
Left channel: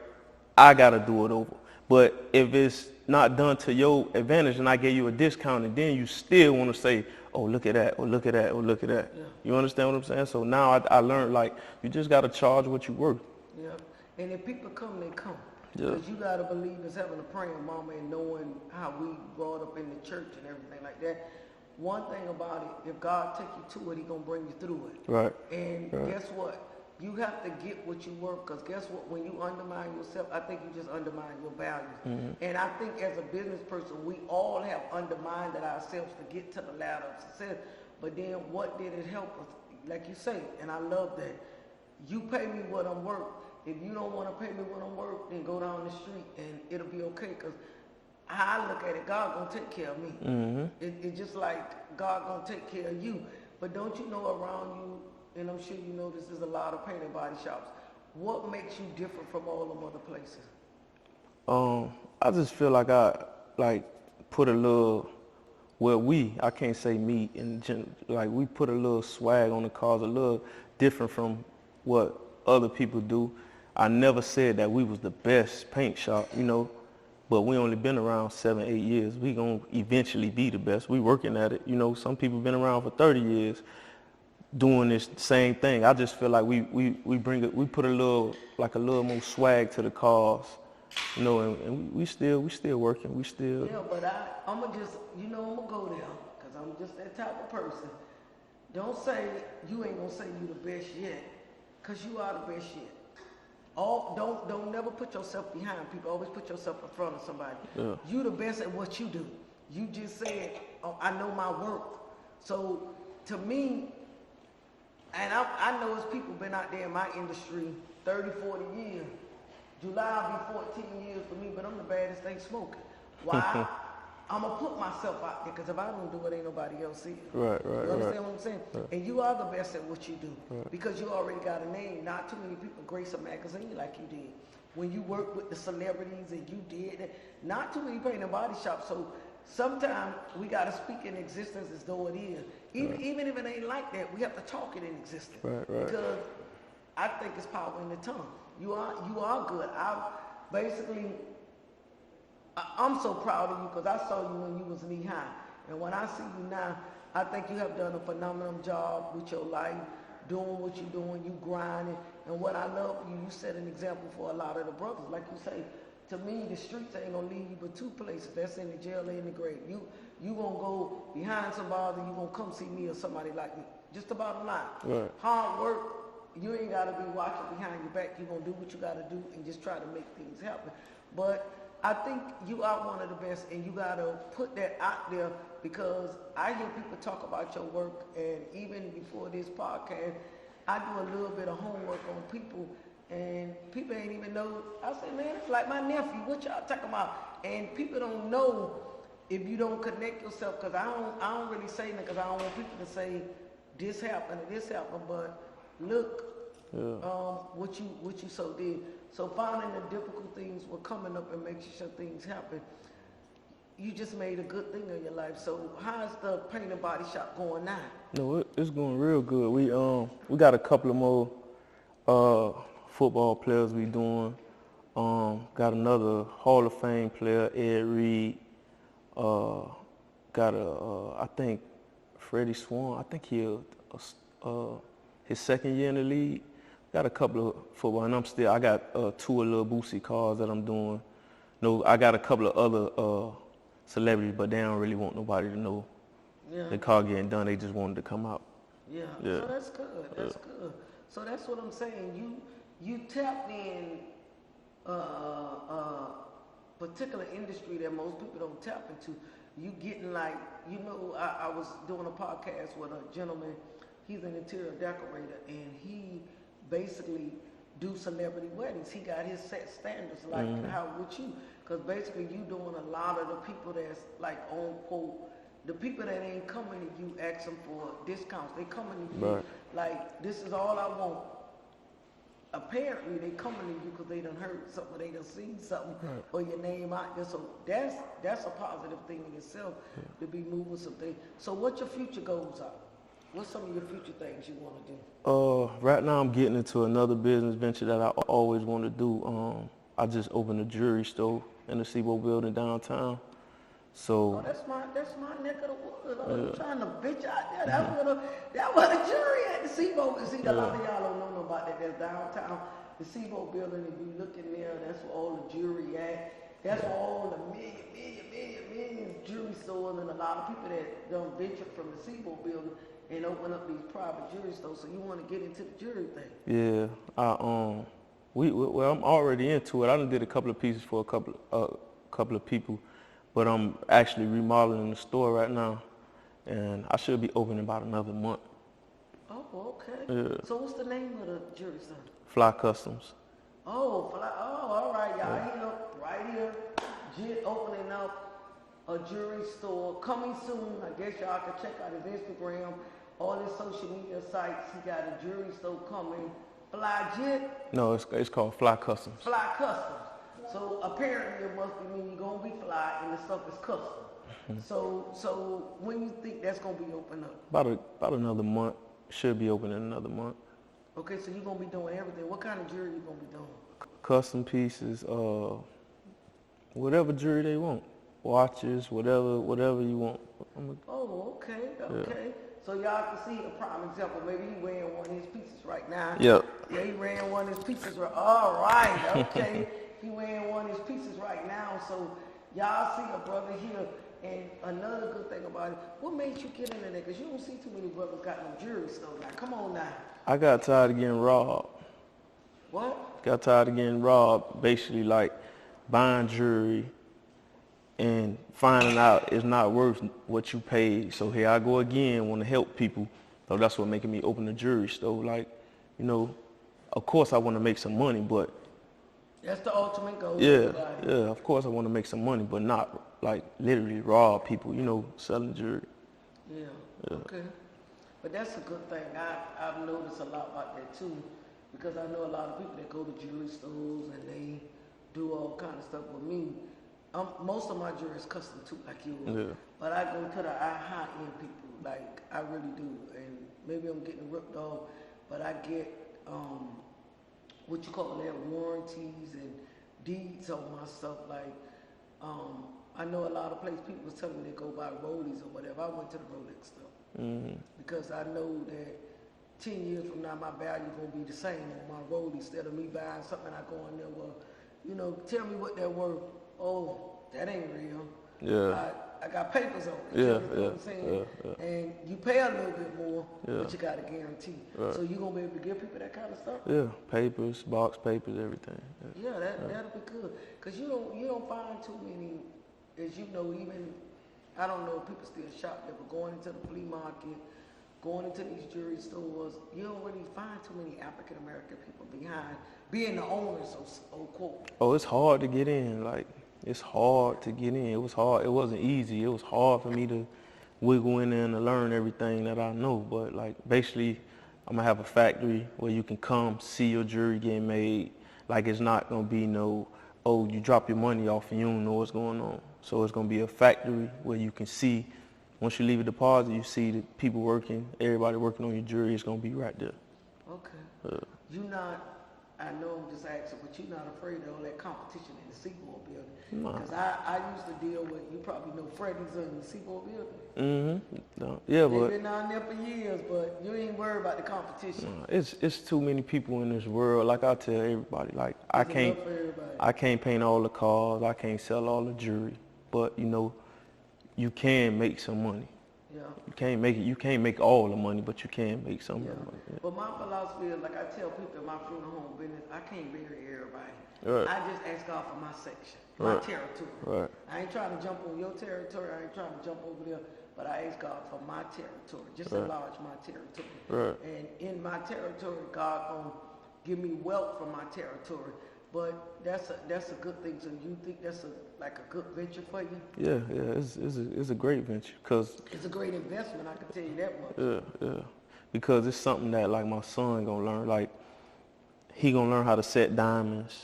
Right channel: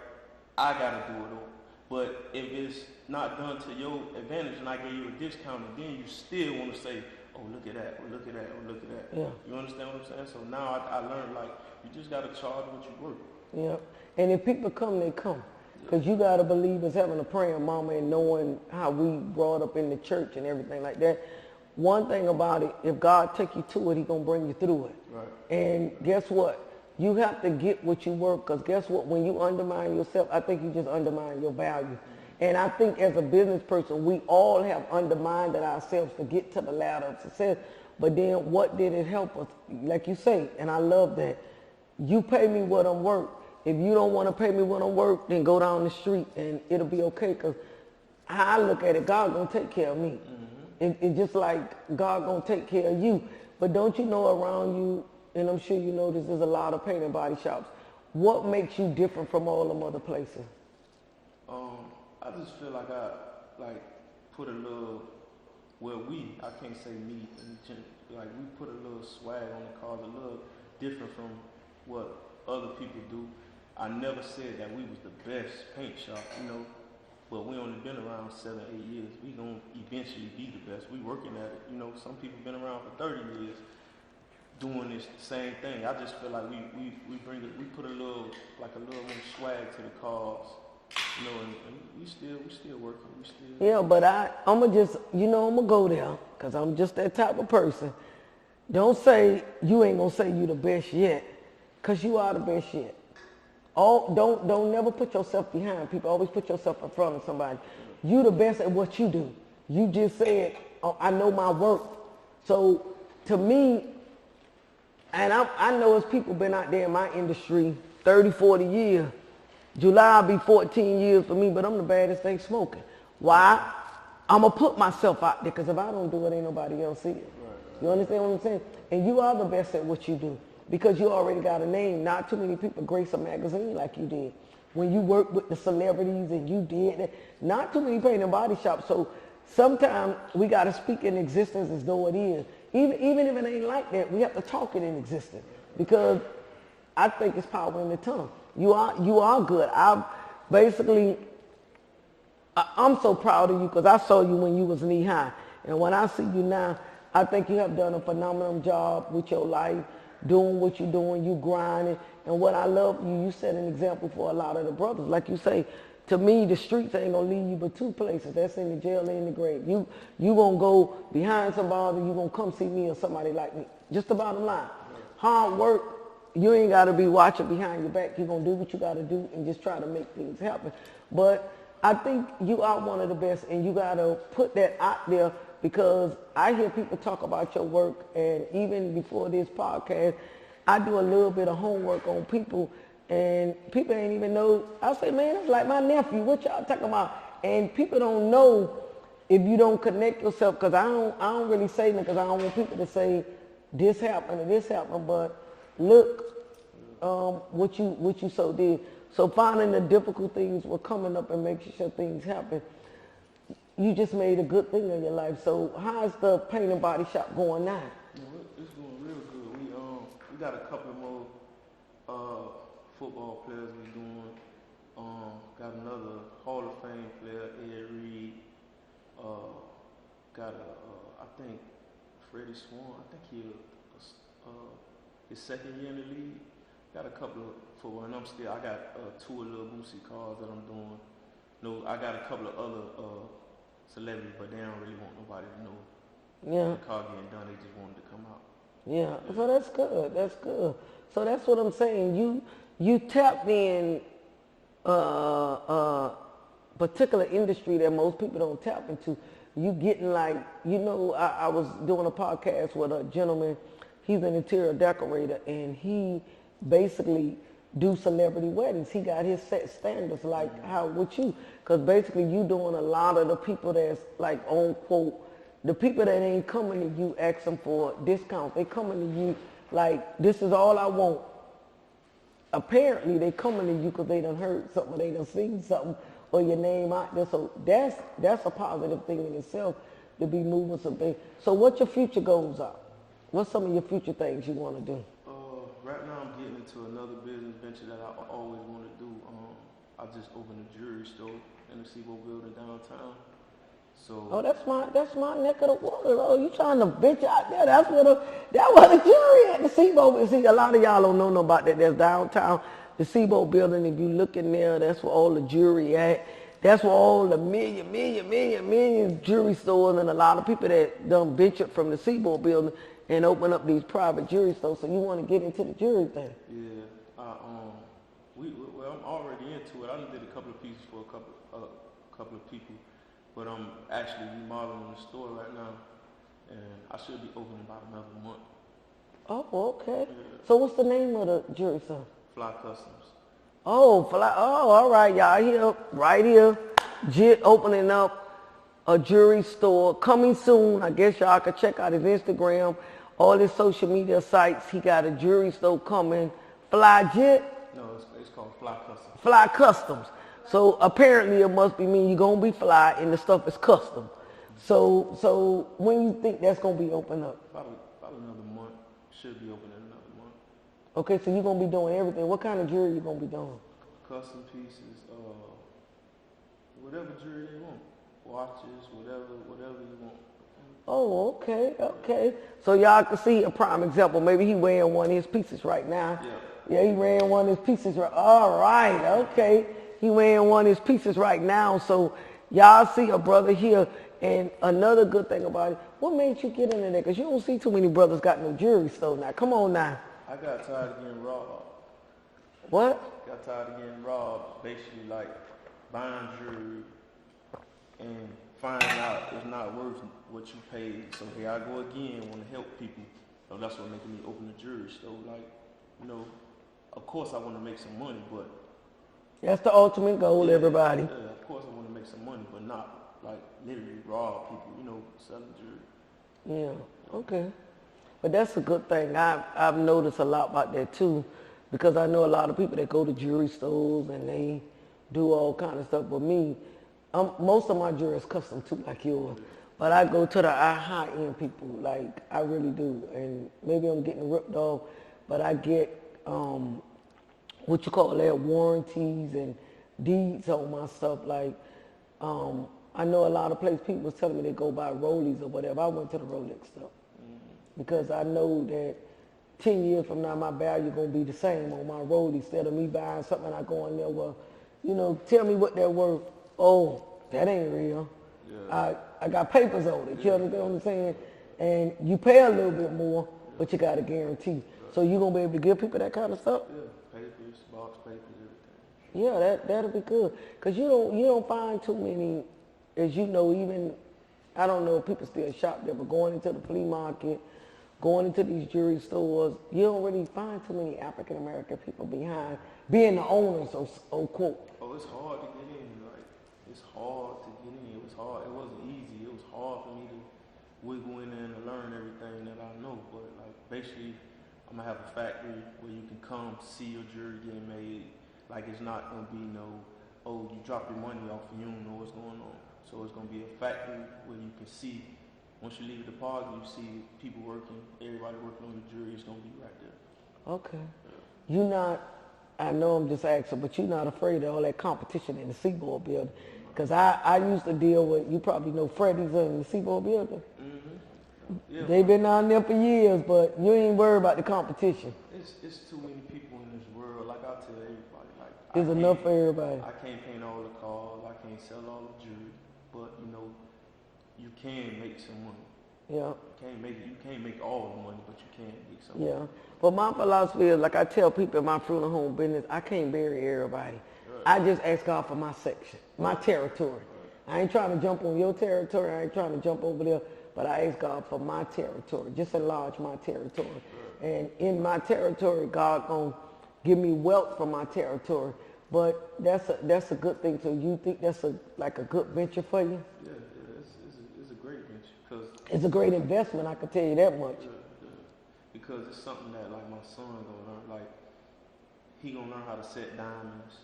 I gotta do it over. But if it's not done to your advantage and I gave you a discount, and then you still want to say, oh, look at that, or look at that, or look at that. Yeah. You understand what I'm saying? So now I learned, like, you just got to charge what you worth. Yeah. And if people come, they come. Because you got to believe as having a praying mama and knowing how we brought up in the church and everything like that. One thing about it, if God take you to it, he going to bring you through it. Right. And guess what? You have to get what you work, because guess what? When you undermine yourself, I think you just undermine your values. And I think as a business person, we all have undermined ourselves to get to the ladder of success. But then what did it help us? Like you say, and I love that, you pay me what I'm worth. If you don't want to pay me what I'm worth, then go down the street and it'll be okay, because I look at it, God gonna take care of me. It's just like God gonna take care of you. But don't you know, around you, and I'm sure you know, there's a lot of paint and body shops, what makes you different from all them other places? I just feel like I put a little, I can't say me, like we put a little swag on the cars, a little different from what other people do. I never said that we was the best paint shop, you know, but we only been around 7, 8 years. We gonna eventually be the best. We working at it, you know. Some people been around for 30 years doing this same thing. I just feel like we put a little more swag to the cars, you know, and we still working. We still. Yeah, but I'ma just, you know, I'ma go there because I'm just that type of person. Don't say you ain't gonna say you the best yet, because you are the best yet. Don't never put yourself behind people. Always put yourself in front of somebody. Yeah. You the best at what you do. You just said, oh, I know my work. So to me, and I know as people been out there in my industry 30, 40 years. July will be 14 years for me, but I'm the baddest thing smoking. Why? I'm going to put myself out there, because if I don't do it, ain't nobody else see it. Right. You understand what I'm saying? Right. And you are the best at what you do, because you already got a name. Not too many people grace a magazine like you did. When you worked with the celebrities and you did that, not too many paint and body shops. So sometimes we got to speak in existence as though it is. Even if it ain't like that, we have to talk it in existence. Right. Because I think it's power in the tongue. You are good. I'm so proud of you, because I saw you when you was knee high. And when I see you now, I think you have done a phenomenal job with your life, doing what you're doing, you grinding. And what I love, you set an example for a lot of the brothers. Like you say, to me, the streets ain't gonna lead you but two places. That's in the jail and in the grave. You gonna go behind somebody, you gonna come see me or somebody like me. Just the bottom line. Right. Hard work, you ain't gotta be watching behind your back. You're gonna do what you gotta do and just try to make things happen. But I think you are one of the best, and you gotta put that out there, because I hear people talk about your work, and even before this podcast, I do a little bit of homework on people, and people ain't even know. I say, man, it's like my nephew. What y'all talking about? And people don't know if you don't connect yourself, because I don't really say that, because I don't want people to say this happened and this happened, but look, what you so did. So finding the difficult things were coming up and making sure things happen. You just made a good thing in your life. So how's the paint and body shop going now? No, it's going real good. We got a couple of more football players we doing. Got another Hall of Fame player, Ed Reed. Got I think Freddie Swan. I think his second year in the league. Got a couple of football, and I got 2 little Boosie cars that I'm doing. No, I got a couple of other celebrities, but they don't really want nobody to know the car getting done. They just wanted to come out. Yeah. So that's good. That's good. So that's what I'm saying. You tapped in particular industry that most people don't tap into. You getting like, you know, I was doing a podcast with a gentleman. He's an interior decorator, and he basically do celebrity weddings. He got his set standards like how with you, because basically you doing a lot of the people that's like on quote, the people that ain't coming to you ask them for discounts. They coming to you like, this is all I want. Apparently they coming to you because they done heard something, they done seen something, or your name out there. So that's a positive thing in itself, to be moving some things. So what your future goals are? What's some of your future things you want to do? Right now I'm getting into another business venture that I always want to do. I just opened a jewelry store in the Seaboard building downtown. So that's my neck of the water. Though. You trying to venture out there? That's where the jewelry at the Seaboard. See, a lot of y'all don't know about that. There's downtown, the Seaboard building. If you look in there, that's where all the jewelry at. That's where all the million jewelry stores, and a lot of people that done ventured from the Seaboard building and open up these private jewelry stores. So you want to get into the jewelry thing? Yeah, I'm already into it. I done did a couple of pieces for a couple of people, but I'm actually remodeling the store right now, and I should be open in about another month. Oh, okay. Yeah. So what's the name of the jewelry store? Fly Customs. Oh, all right, y'all. Here, right here, Jit opening up a jewelry store coming soon. I guess y'all can check out his Instagram, all his social media sites. He got a jewelry store coming. Fly Jit? No, it's called Fly Customs. Fly Customs. So apparently it must be mean you're gonna be fly and the stuff is custom. So when you think that's gonna be open up? About another month. Should be open in another month. Okay, so you're gonna be doing everything. What kind of jewelry you gonna be doing? Custom pieces, whatever jewelry they want. Watches, whatever you want. Oh, okay. So y'all can see a prime example. Maybe he wearing one of his pieces right now. Yep. Yeah, he wearing one of his pieces right. All right, okay. He wearing one of his pieces right now. So y'all see a brother here. And another good thing about it, what made you get into that? Because you don't see too many brothers got no jewelry store now. Come on now. I got tired of getting robbed. What? Got tired of getting robbed. Basically, like buying jewelry and finding out it's not worth what you paid. So here I go again, want to help people. So that's what making me open a jewelry store. Like, you know, of course I want to make some money, but that's the ultimate goal, everybody. Yeah, of course I want to make some money, but not like literally rob people, you know, selling jewelry. Yeah, okay. But that's a good thing. I've noticed a lot about that too, because I know a lot of people that go to jewelry stores and they do all kind of stuff. But me, most of my jewelry is custom too, like yours. Yeah. But I go to the high-end people, like I really do. And maybe I'm getting ripped off, but I get what you call that, warranties and deeds on my stuff. Like I know a lot of places people was telling me they go buy Rollies or whatever. I went to the Rolex stuff because I know that 10 years from now my value gonna be the same on my Rollie instead of me buying something. I go in there, well, you know, tell me what they're worth. Oh, that ain't real. Yeah. I got papers on it. You understand what I'm saying? And you pay a little bit more, but you got a guarantee. So you gonna be able to give people that kind of stuff? Yeah, papers, box papers, everything. Yeah, that'll be good. Cause you don't find too many, as you know, even I don't know if people still shop there, but going into the flea market, going into these jewelry stores, you don't really find too many African American people behind being the owners, so quote. Oh, it's hard to get in. Like, it's hard to get in. It was hard. It wasn't easy. It was hard for me to wiggle in there and to learn everything that I know. But like, basically, I'm gonna have a factory where you can come see your jewelry getting made. Like, it's not gonna be no, oh, you drop your money off and you don't know what's going on. So it's gonna be a factory where you can see. Once you leave a deposit, you see the people working, everybody working on your jewelry. It's gonna be right there. Okay. You're not, I know I'm just asking, but you're not afraid of all that competition in the Seaboard building? Because I used to deal with, you probably know Freddy's in the Seaboard building. Mm-hmm. No. Yeah, they've been down there for years, but you ain't worried about the competition. It's too many people in this world. Like I tell everybody, like There's enough for everybody. I can't paint all the cars. I can't sell all the jewelry. But you know, you can make some money. Yeah. You can't make all the money, but you can make some money. But my philosophy is, like I tell people in my funeral home business, I can't bury everybody. Right. I just ask God for my section, my territory. Right. I ain't trying to jump on your territory. I ain't trying to jump over there. But I ask God for my territory. Just enlarge my territory. Right. And in my territory, God gonna give me wealth from my territory. But that's a good thing. So you think that's like a good venture for you? Yeah, it's a great venture because it's a great investment. I can tell you that much. Yeah, because it's something that like my son gonna learn. Like he gonna learn how to set diamonds,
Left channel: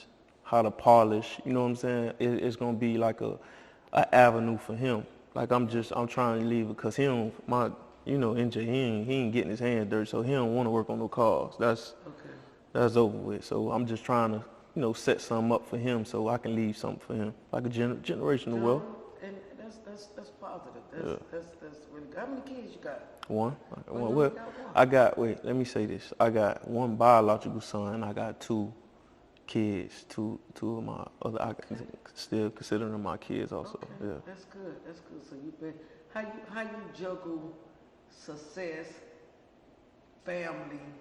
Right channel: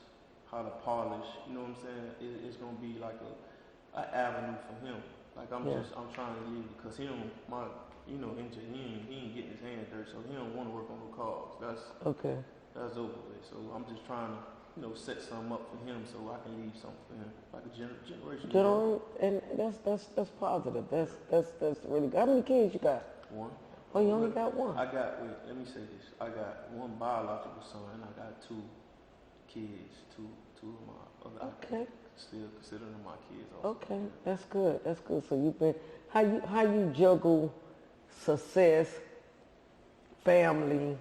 how to polish. You know what I'm saying? It's gonna be like a avenue for him. Like I'm trying to leave it because he don't NJ he ain't getting his hands dirty, so he don't want to work on no cars. That's over with. So I'm just trying to, set something up for him so I can leave something for him, like a generational wealth. And that's positive. That's really good. How many kids you got? One. Oh, you only got one. Let me say this. I got one biological son. I got two kids. Two of my other. I still consider them my kids also. Okay, yeah. That's good. So you've been how you juggle success, family,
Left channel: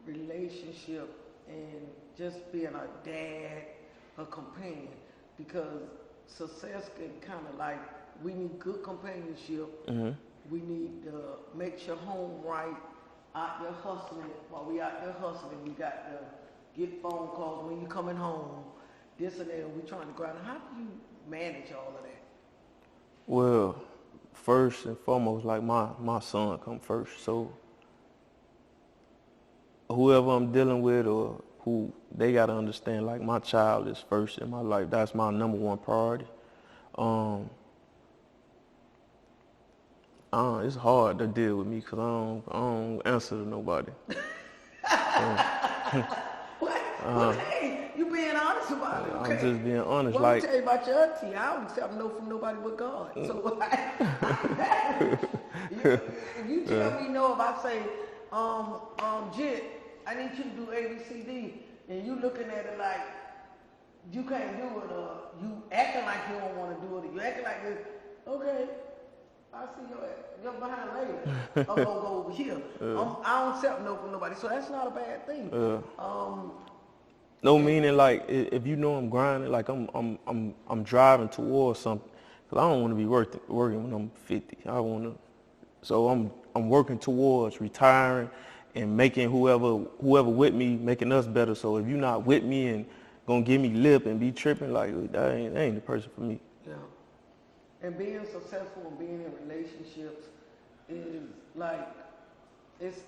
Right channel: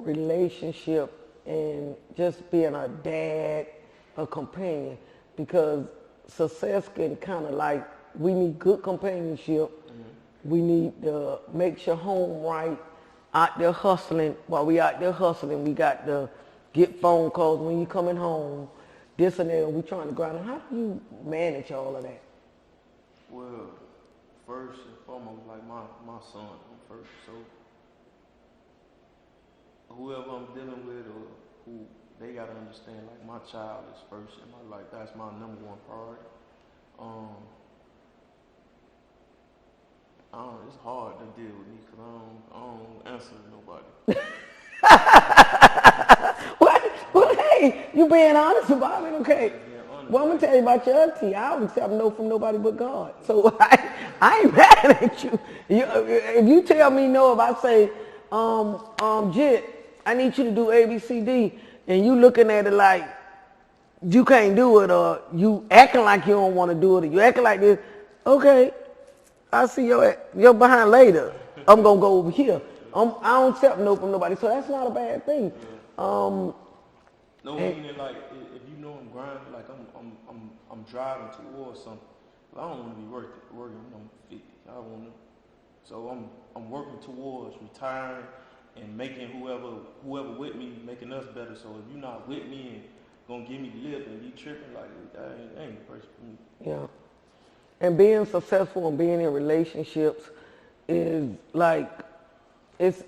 relationship, and just being a dad, a companion, because success can kind of like, we need good companionship. Mm-hmm. We need to make your home right. Out there hustling, while we out there hustling, we got to get phone calls when you coming home, this and that, and we trying to grind. How do you manage all of that? Well, first and foremost, like my son come first. So whoever I'm dealing with or who they got to understand, like, my child is first in my life. That's my number one priority. It's hard to deal with me because I don't answer to nobody. Well, hey, you being honest about it, okay? I'm just being honest. Well, like, I'm tell you about your auntie. I don't accept no from nobody but God. So I ain't mad at you. If you tell me no, if I say, Jit, I need you to do A, B, C, D, and you looking at it like you can't do it, or you acting like you don't want to do it, or you acting like this, okay, I'll see your behind later. I'm gonna go over here. I don't accept no from nobody, so that's not a bad thing. No, meaning like if you know I'm grinding, like I'm driving towards something, because I don't want to be working when I'm 50. I want to, so I'm working towards retiring and making whoever with me, making us better. So if you're not with me and gonna give me lip and be tripping, like that ain't the person for me. Yeah. And being successful and being in relationships is like, it's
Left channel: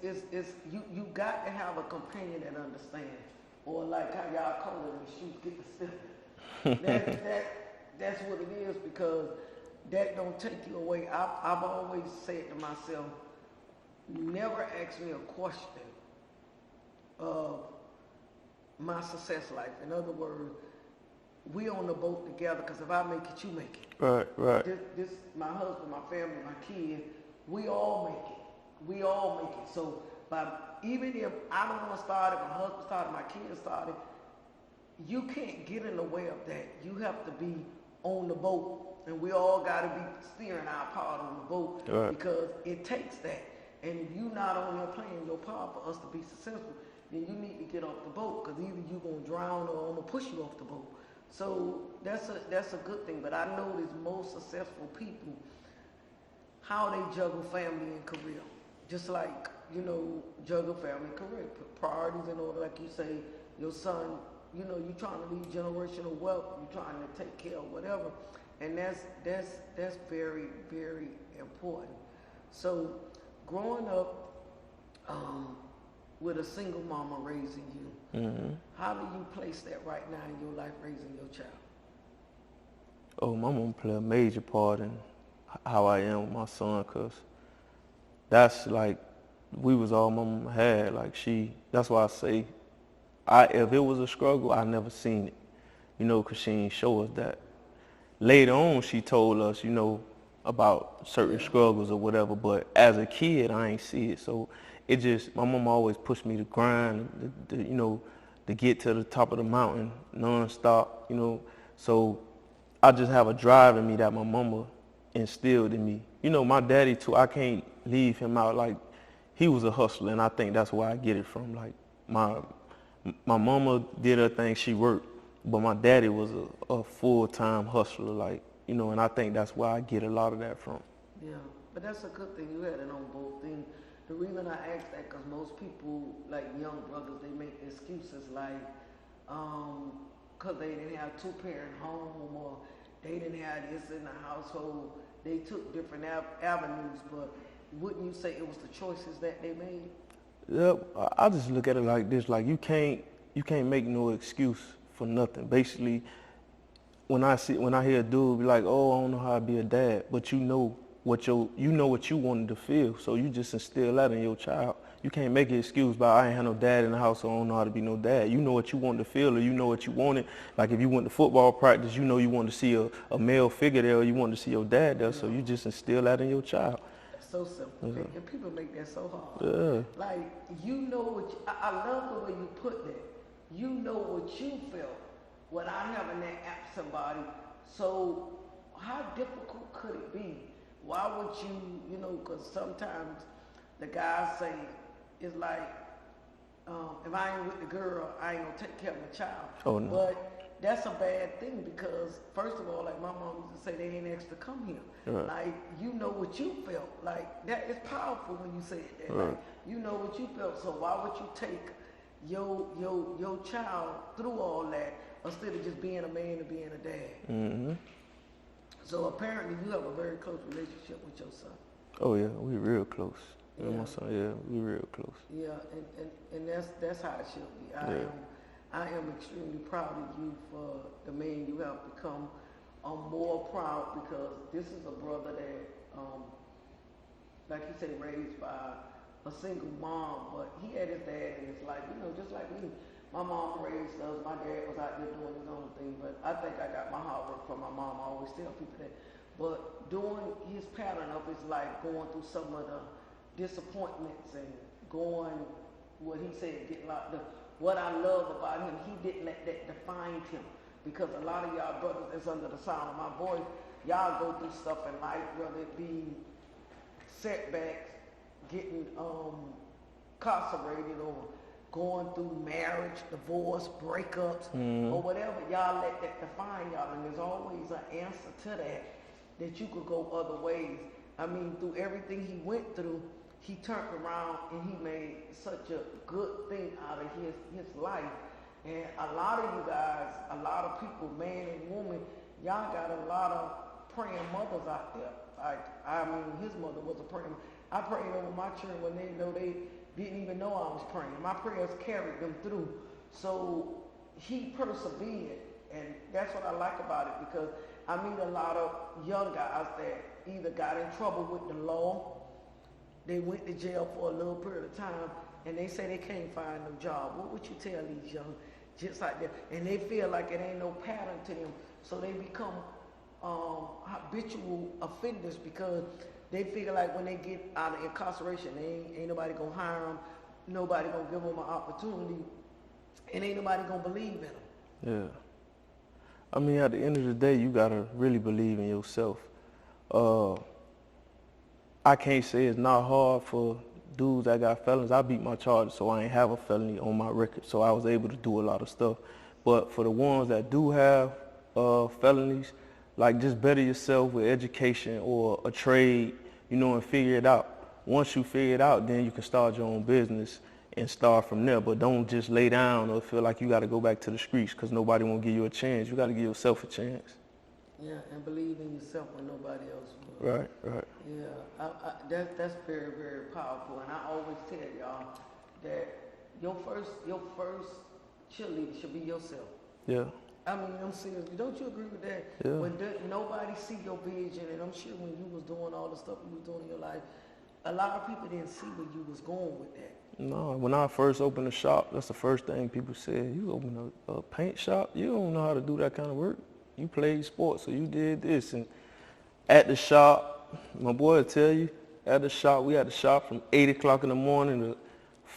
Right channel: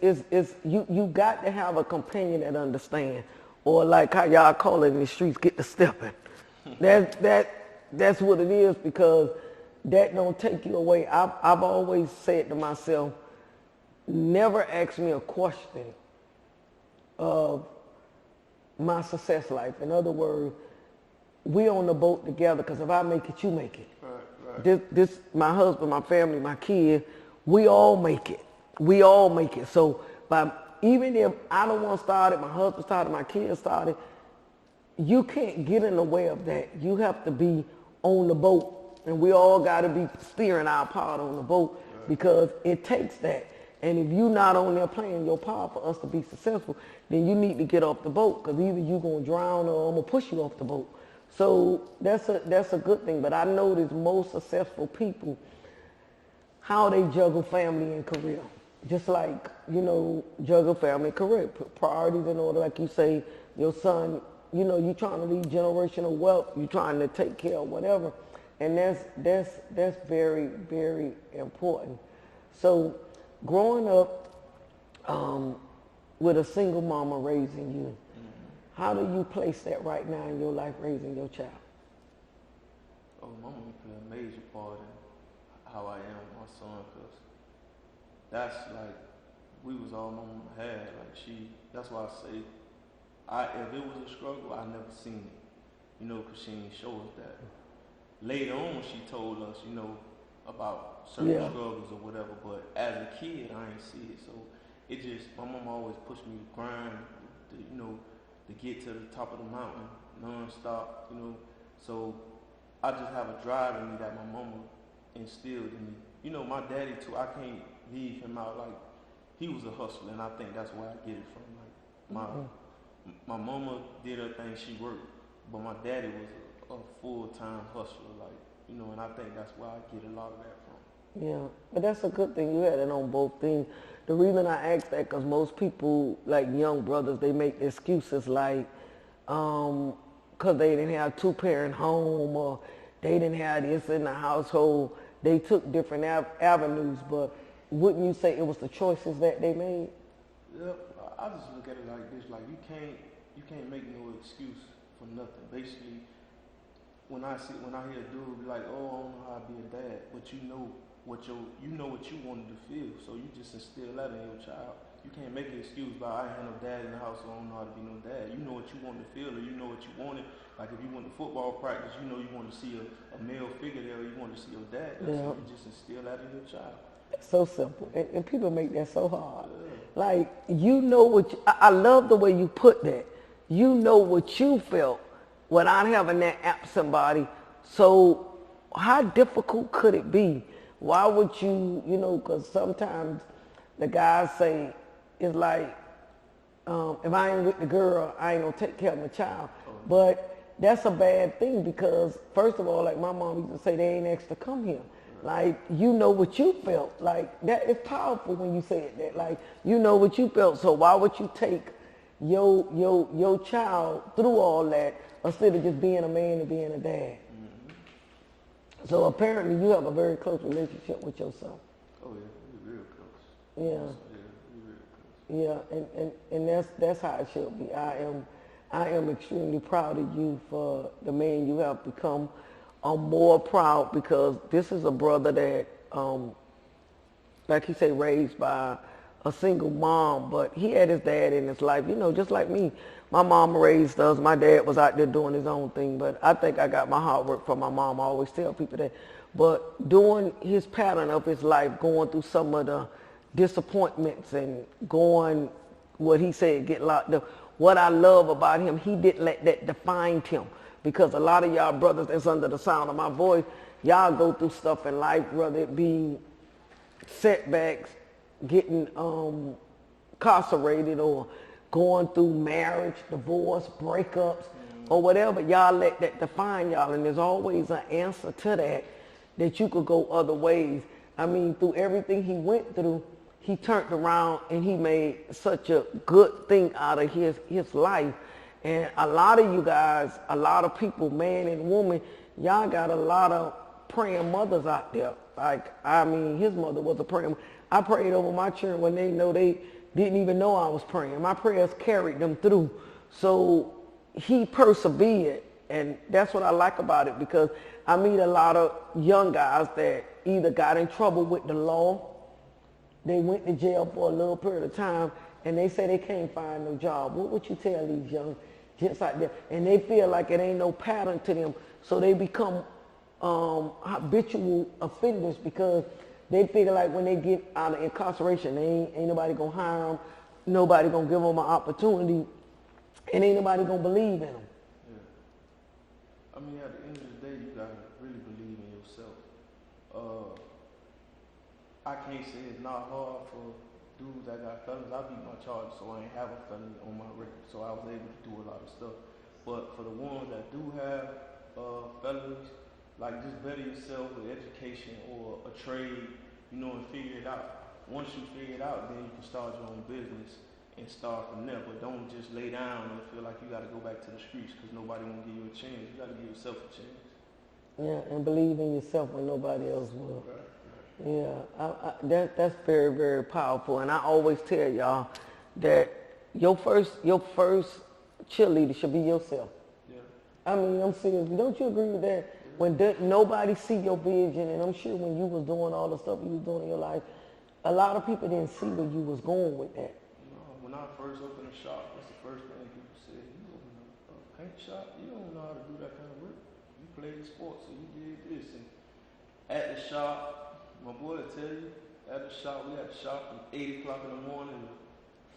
you got to have a companion that understands, or like how y'all call it in the streets, get the stepping. That's what it is, because that don't take you away. I've always said to myself, never ask me a question of my success life. In other words, we on the boat together, because if I make it, you make it. Right. This my husband, my family, my kids, we all make it. We all make it. So even if I don't want to start it, my husband started, my kids started, you can't get in the way of that. You have to be on the boat, and we all got to be steering our part on the boat, because it takes that. And if you're not on there playing your part for us to be successful, then you need to get off the boat, because either you're going to drown or I'm going to push you off the boat. So that's a good thing. But I notice most successful people, how they juggle family and career. Just like, juggle family and career. Put priorities in order. Like you say, your son, you're trying to leave generational wealth. You're trying to take care of whatever. And that's very, very important. So growing up with a single mama raising you, how do you place that right now in your life, raising your child? Oh, my mom play a major part in how I am with my son, because that's like, we was all my mama had. Like, that's why I say, if it was a struggle, I never seen it, because she ain't show us that. Later on, she told us, about certain struggles or whatever, but as a kid, I ain't see it. So my mom always pushed me to grind, to get to the top of the mountain non-stop, So I just have a drive in me that my mama instilled in me. My daddy too, I can't leave him out. Like, he was a hustler, and I think that's where I get it from. Like, my mama did her thing, she worked, but my daddy was a full-time hustler, like, and I think that's where I get a lot of that from. Yeah, but that's a good thing. You had it on both things. The reason I ask that, because most people, like young brothers, they make excuses like, because they didn't have two-parent home, or they didn't have this in the household. They took different avenues, but wouldn't you say it was the choices that they made? Yep, I just look at it like this: like, you can't make no excuse for nothing. Basically, when I hear a dude be like, "Oh, I don't know how to be a dad," but you know what you wanted to feel, so you just instill that in your child. You can't make an excuse about, I ain't had no dad in the house, so I don't know how to be no dad. You know what you wanted to feel, or you know what you wanted. Like, if you went to football practice, you wanted to see a male figure there, or you wanted to see your dad there, so you just instill that in your child. It's so simple, and people make that so hard. Yeah. Like, I love the way you put that. You know what you felt without having that absent body. So how difficult could it be? Why would you, because sometimes the guys say, it's like, if I ain't with the girl, I ain't gonna take care of my child. Oh, no. But that's a bad thing, because first of all, like my mom used to say, they ain't asked to come here. Right. Like, you know what you felt. Like, that is powerful when you say it that. Right. Like, you know what you felt, so why would you take your child through all that instead of just being a man and being a dad? Mm-hmm. So apparently you have a very close relationship with your son. Oh yeah, we real close. Yeah. So, yeah, we real close. Yeah, and that's how it should be. I I am extremely proud of you for the man you have become. I'm more proud because this is a brother that, like he said, raised by a single mom, but he had his dad in his life, you know, just like me. My mom raised us. My dad was out there doing his own thing, but I think I got my hard work from my mom. I always tell people that. But during his pattern of his life, going through some of the disappointments and going, what he said, get locked up, what I love about him, he didn't let that define him. Because a lot of y'all brothers that's under the sound of my voice, y'all go through stuff in life, whether it be setbacks, getting incarcerated, or going through marriage, divorce, breakups, or whatever. Y'all let that define y'all, and there's always an answer to that you could go other ways. I mean, through everything he went through, he turned around and he made such a good thing out of his life. And a lot of you guys, a lot of people, man and woman, y'all got a lot of praying mothers out there. Like, I mean, his mother was a praying. I prayed over my children when they didn't even know I was praying. My prayers carried them through. So he persevered, and that's what I like about it, because I meet a lot of young guys that either got in trouble with the law, they went to jail for a little period of time, and they say they can't find no job. What would you tell these young gents out there? And they feel like it ain't no pattern to them, so they become habitual offenders, because they figure like when they get out of incarceration, ain't nobody gonna hire them, nobody gonna give them an opportunity, and ain't nobody gonna believe in them. Yeah. I mean, at the end of the day, you gotta really believe in yourself. I can't say it's not hard for dudes that got felons. I beat my charges, so I ain't have a felony on my record, so I was able to do a lot of stuff. But for the ones that do have felonies, like, just better yourself with education or a trade, you know, and figure it out. Once you figure it out, then you can start your own business and start from there. But don't just lay down or feel like you got to go back to the streets because nobody won't give you a chance. You got to give yourself a chance. Yeah, and believe in yourself when nobody else will. Right, right. Yeah, that's very, very powerful. And I always tell y'all that your first cheerleader should be yourself. Yeah. I mean, I'm serious. Don't you agree with that? Yeah. When nobody see your vision, and I'm sure when you was doing all the stuff you was doing in your life, a lot of people didn't see where you was going with that. No, when I first opened the shop, that's the first thing people said. You open a paint shop? You don't know how to do that kind of work. You played sports, so you did this. And at the shop, my boy will tell you, at the shop, we had the shop from 8 o'clock in the morning to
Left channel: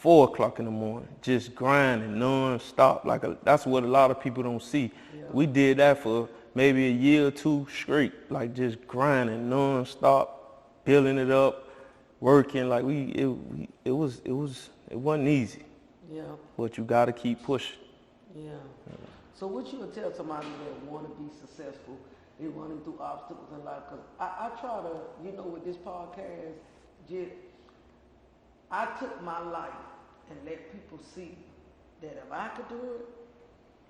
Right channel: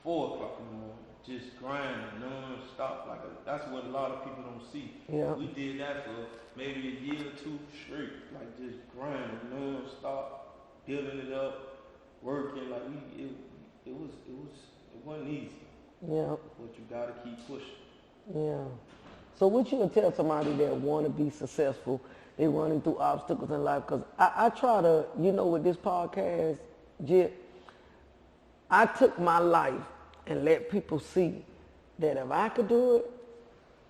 4 o'clock in the morning, just grinding non-stop. That's what a lot of people don't see. Yeah. We did that for maybe a year or two straight, like just grinding non-stop, building it up, working. Like it wasn't easy. Yeah. But you got to keep pushing. Yeah. So what you would tell somebody that want to be successful, they running through obstacles in life? Because I try to, you know, with this podcast, Jit, I took my life and let people see that if I could do it,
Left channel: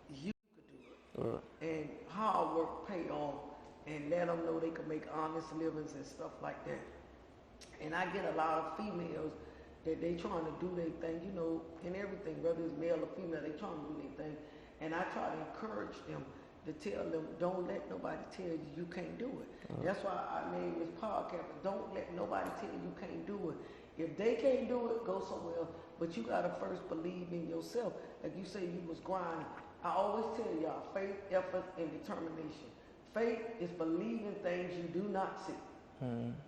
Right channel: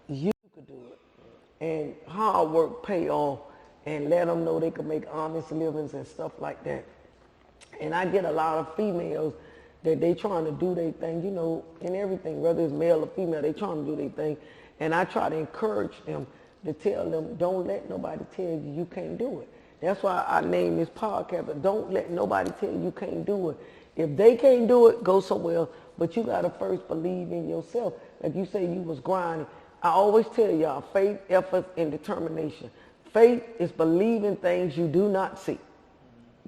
you could do it. Right. And hard work pay off, and let them know they can make honest livings and stuff like that. And I get a lot of females that they trying to do their thing, you know, and everything, whether it's male or female, they trying to do their thing. And I try to encourage them to tell them, don't let nobody tell you can't do it. That's why I named this podcast, but don't let nobody tell you can't do it. If they can't do it, go somewhere else. But you got to first believe in yourself. Like you say, you was grinding. I always tell y'all, faith, effort, and determination. Faith is believing things you do not see.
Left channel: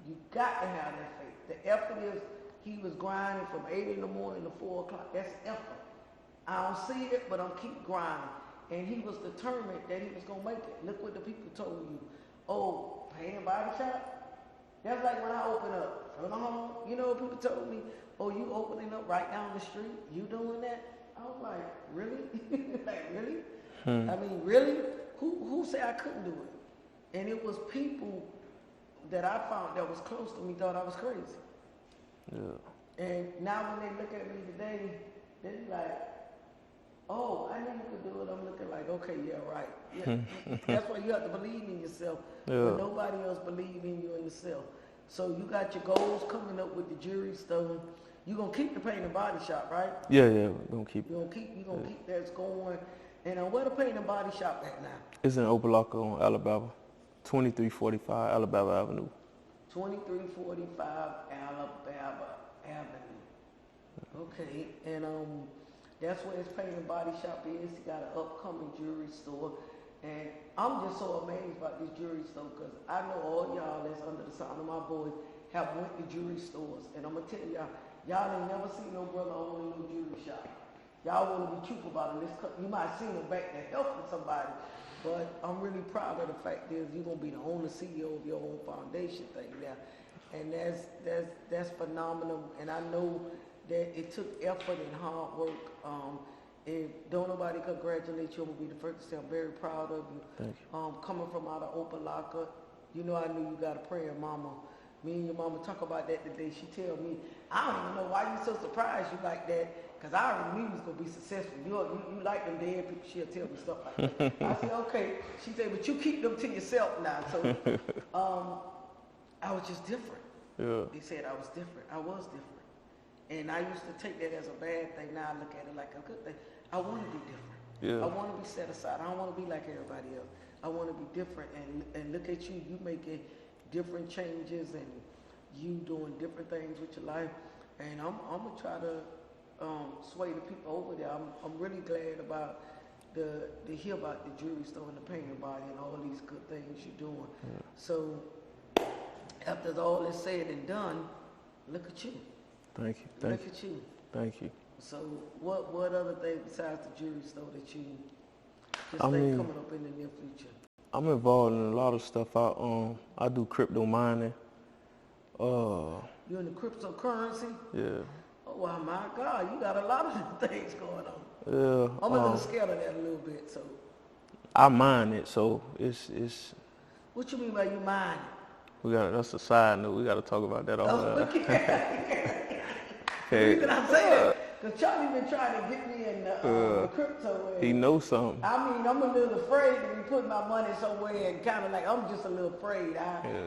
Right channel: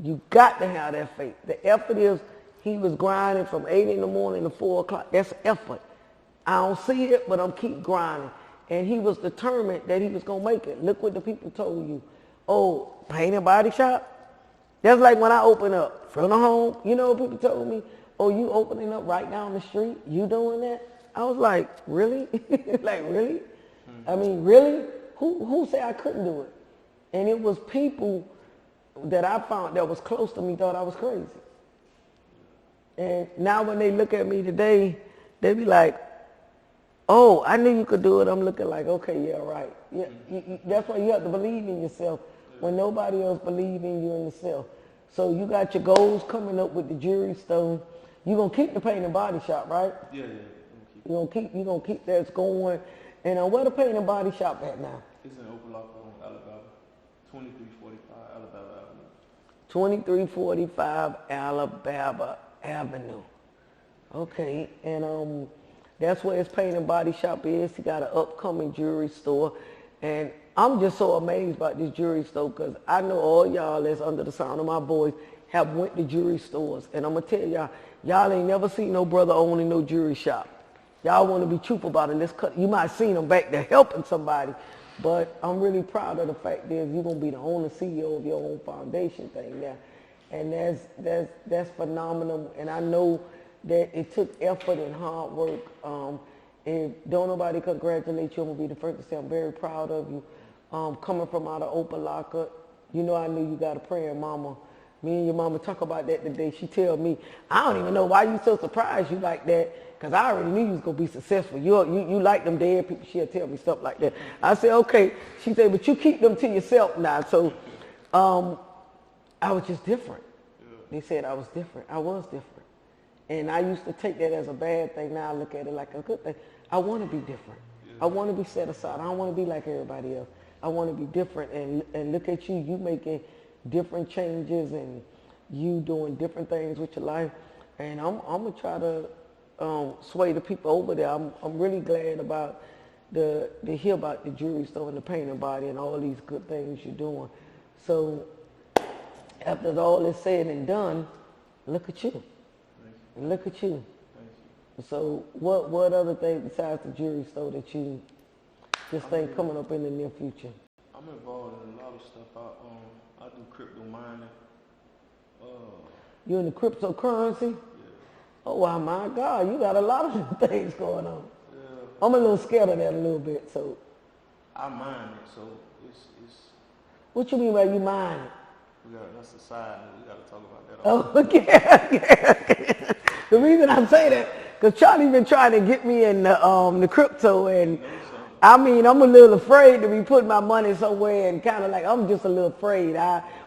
You got to have that faith. The effort is, he was grinding from 8 in the morning to 4 o'clock. That's effort. I don't see it, but I'm keep grinding. And he was determined that he was going to make it. Look what the people told you. Oh, paint and body shop? That's like when I open up from the home. You know what people told me? Oh, you opening up right down the street? You doing that? I was like, really? Like, really? I mean, really? Who said I couldn't do it? And it was people that I found that was close to me thought I was crazy. Yeah. And now when they look at me today, they be like, oh, I knew you could do it. I'm looking like, okay, yeah, right. Yeah, that's why you have to believe in yourself when nobody else believes in you and yourself. So you got your goals coming up with the jury stone. You gonna keep the paint and body shop, right? Yeah, we're gonna keep it. You gonna keep that going. And where the paint and body shop at now? It's in Opelika on Alabama, 2345 Alabama Avenue. 2345 Alabama Avenue. Okay, and that's where his paint and body shop is. He got an upcoming jewelry store, and I'm just so amazed about this jewelry store because I know all y'all that's under the sound of my voice have went to jewelry stores, and I'm gonna tell y'all ain't never seen no brother owning no jewelry shop. Y'all want to be truthful about it. You might have seen them back there helping somebody, but I'm really proud of the fact that you're gonna be the owner, CEO of your own foundation thing now, and that's phenomenal. And I know that it took effort and hard work. And don't nobody congratulate you. I'm gonna be the first to say I'm very proud of you. Coming from out of Opelika, you know I knew you got a praying mama. Me and your mama talk about that today. She tell me, I don't even know why you so surprised you like that, because I already knew you was going to be successful. You like them dead people. She'll tell me stuff like that. I said, okay. She said, but you keep them to yourself now. So I was just different. Yeah. They said I was different. I was different. And I used to take that as a bad thing. Now I look at it like a good thing. I want to be different. Yeah. I want to be set aside. I don't want to be like everybody else. I want to be different. And look at you. You making different changes and you doing different things with your life. And I'm going to try to sway the people over there. I'm really glad about to hear about the jewelry store and the paint and body and all these good things you're doing. Yeah. So after all is said and done, look at you. Thank you. Look at you. Thank you. So what other things besides the jewelry store that you just think coming up in the near future? I'm involved in a lot of stuff. I do crypto mining. You in the cryptocurrency? Yeah. Oh, wow, my God, you got a lot of things going on. Yeah. I'm a little scared of that a little bit, so. I mine it, so it's. What you mean by you mine it? That's a side note. We got to talk about that all the time. Okay. The reason I say that, because Charlie been trying to get me in the crypto, and he knows something. I mean, I'm a little afraid to be putting my money somewhere, and kind of like I'm just a little afraid.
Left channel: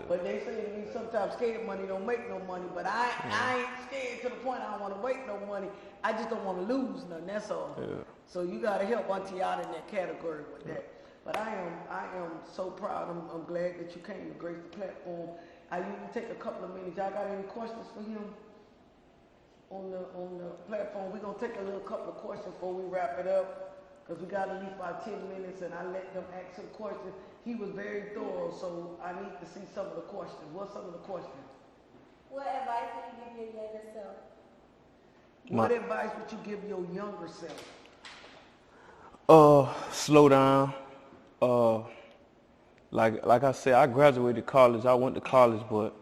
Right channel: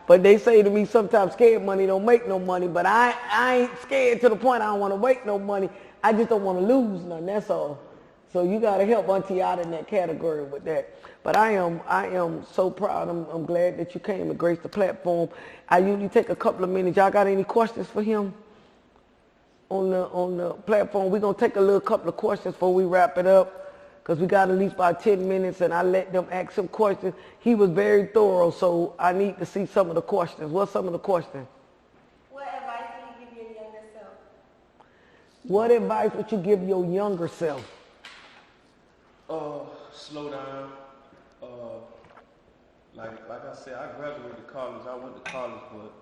But they say to me sometimes scared money don't make no money, but I ain't scared to the point I don't want to make no money. I just don't want to lose nothing. That's all. Yeah. So you got to help Auntie out in that category with that. But I am so proud. I'm glad that you came to grace the platform. I usually take a couple of minutes. Y'all got any questions for him? On the platform, we're going to take a couple of questions before we wrap it up, because we got at least about 10 minutes, and I let them ask some questions. He was very thorough, so I need to see some of the questions. What's some of the questions? What advice would you give your younger self? What advice would you give your younger self? Slow down. Like I said, I graduated college. I went to college, but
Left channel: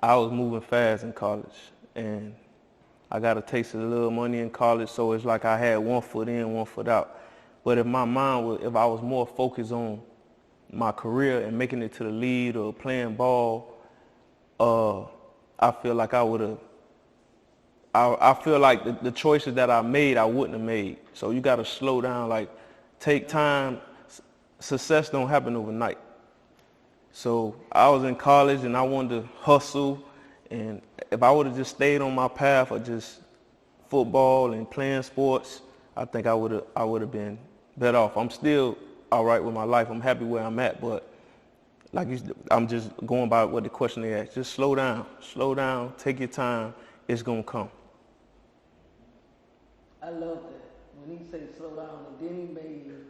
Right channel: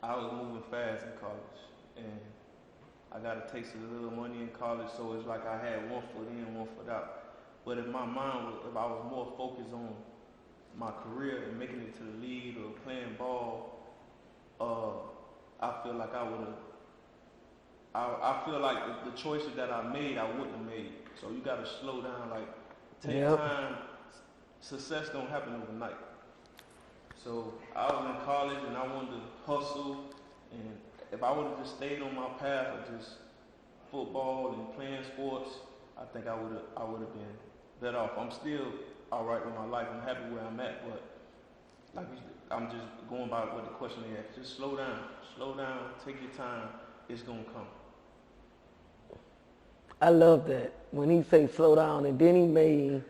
I was moving fast in college. And I got a taste of a little money in college, so it's like I had one foot in, one foot out. But if I was more focused on my career and making it to the lead or playing ball, I feel like I feel like the choices that I made, I wouldn't have made. So you got to slow down, like take time. Success don't happen overnight. So I was in college and I wanted to hustle, and if I would have just stayed on my path of just football and playing sports, I think I would have been better off. I'm still all right with my life. I'm happy where I'm at, but I'm just going by what the question they asked. Just slow down, take your time. It's gonna come. I love that when he say slow down, and then he made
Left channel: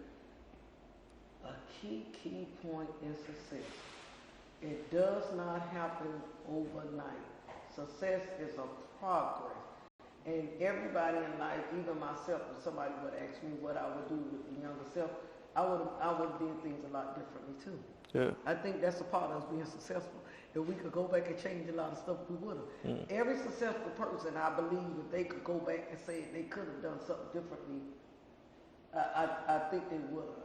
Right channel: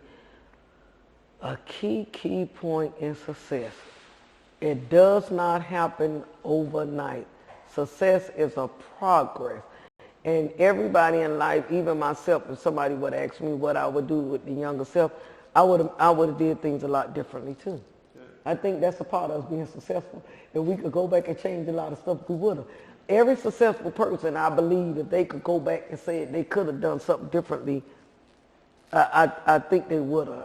a key point in success. It does not happen overnight. Success is a progress. And everybody in life, even myself, if somebody would ask me what I would do with the younger self, I would have did things a lot differently too. Yeah. I think that's a part of us being successful. If we could go back and change a lot of stuff, we would have. Every successful person, I believe, if they could go back and say they could have done something differently, I think they would have.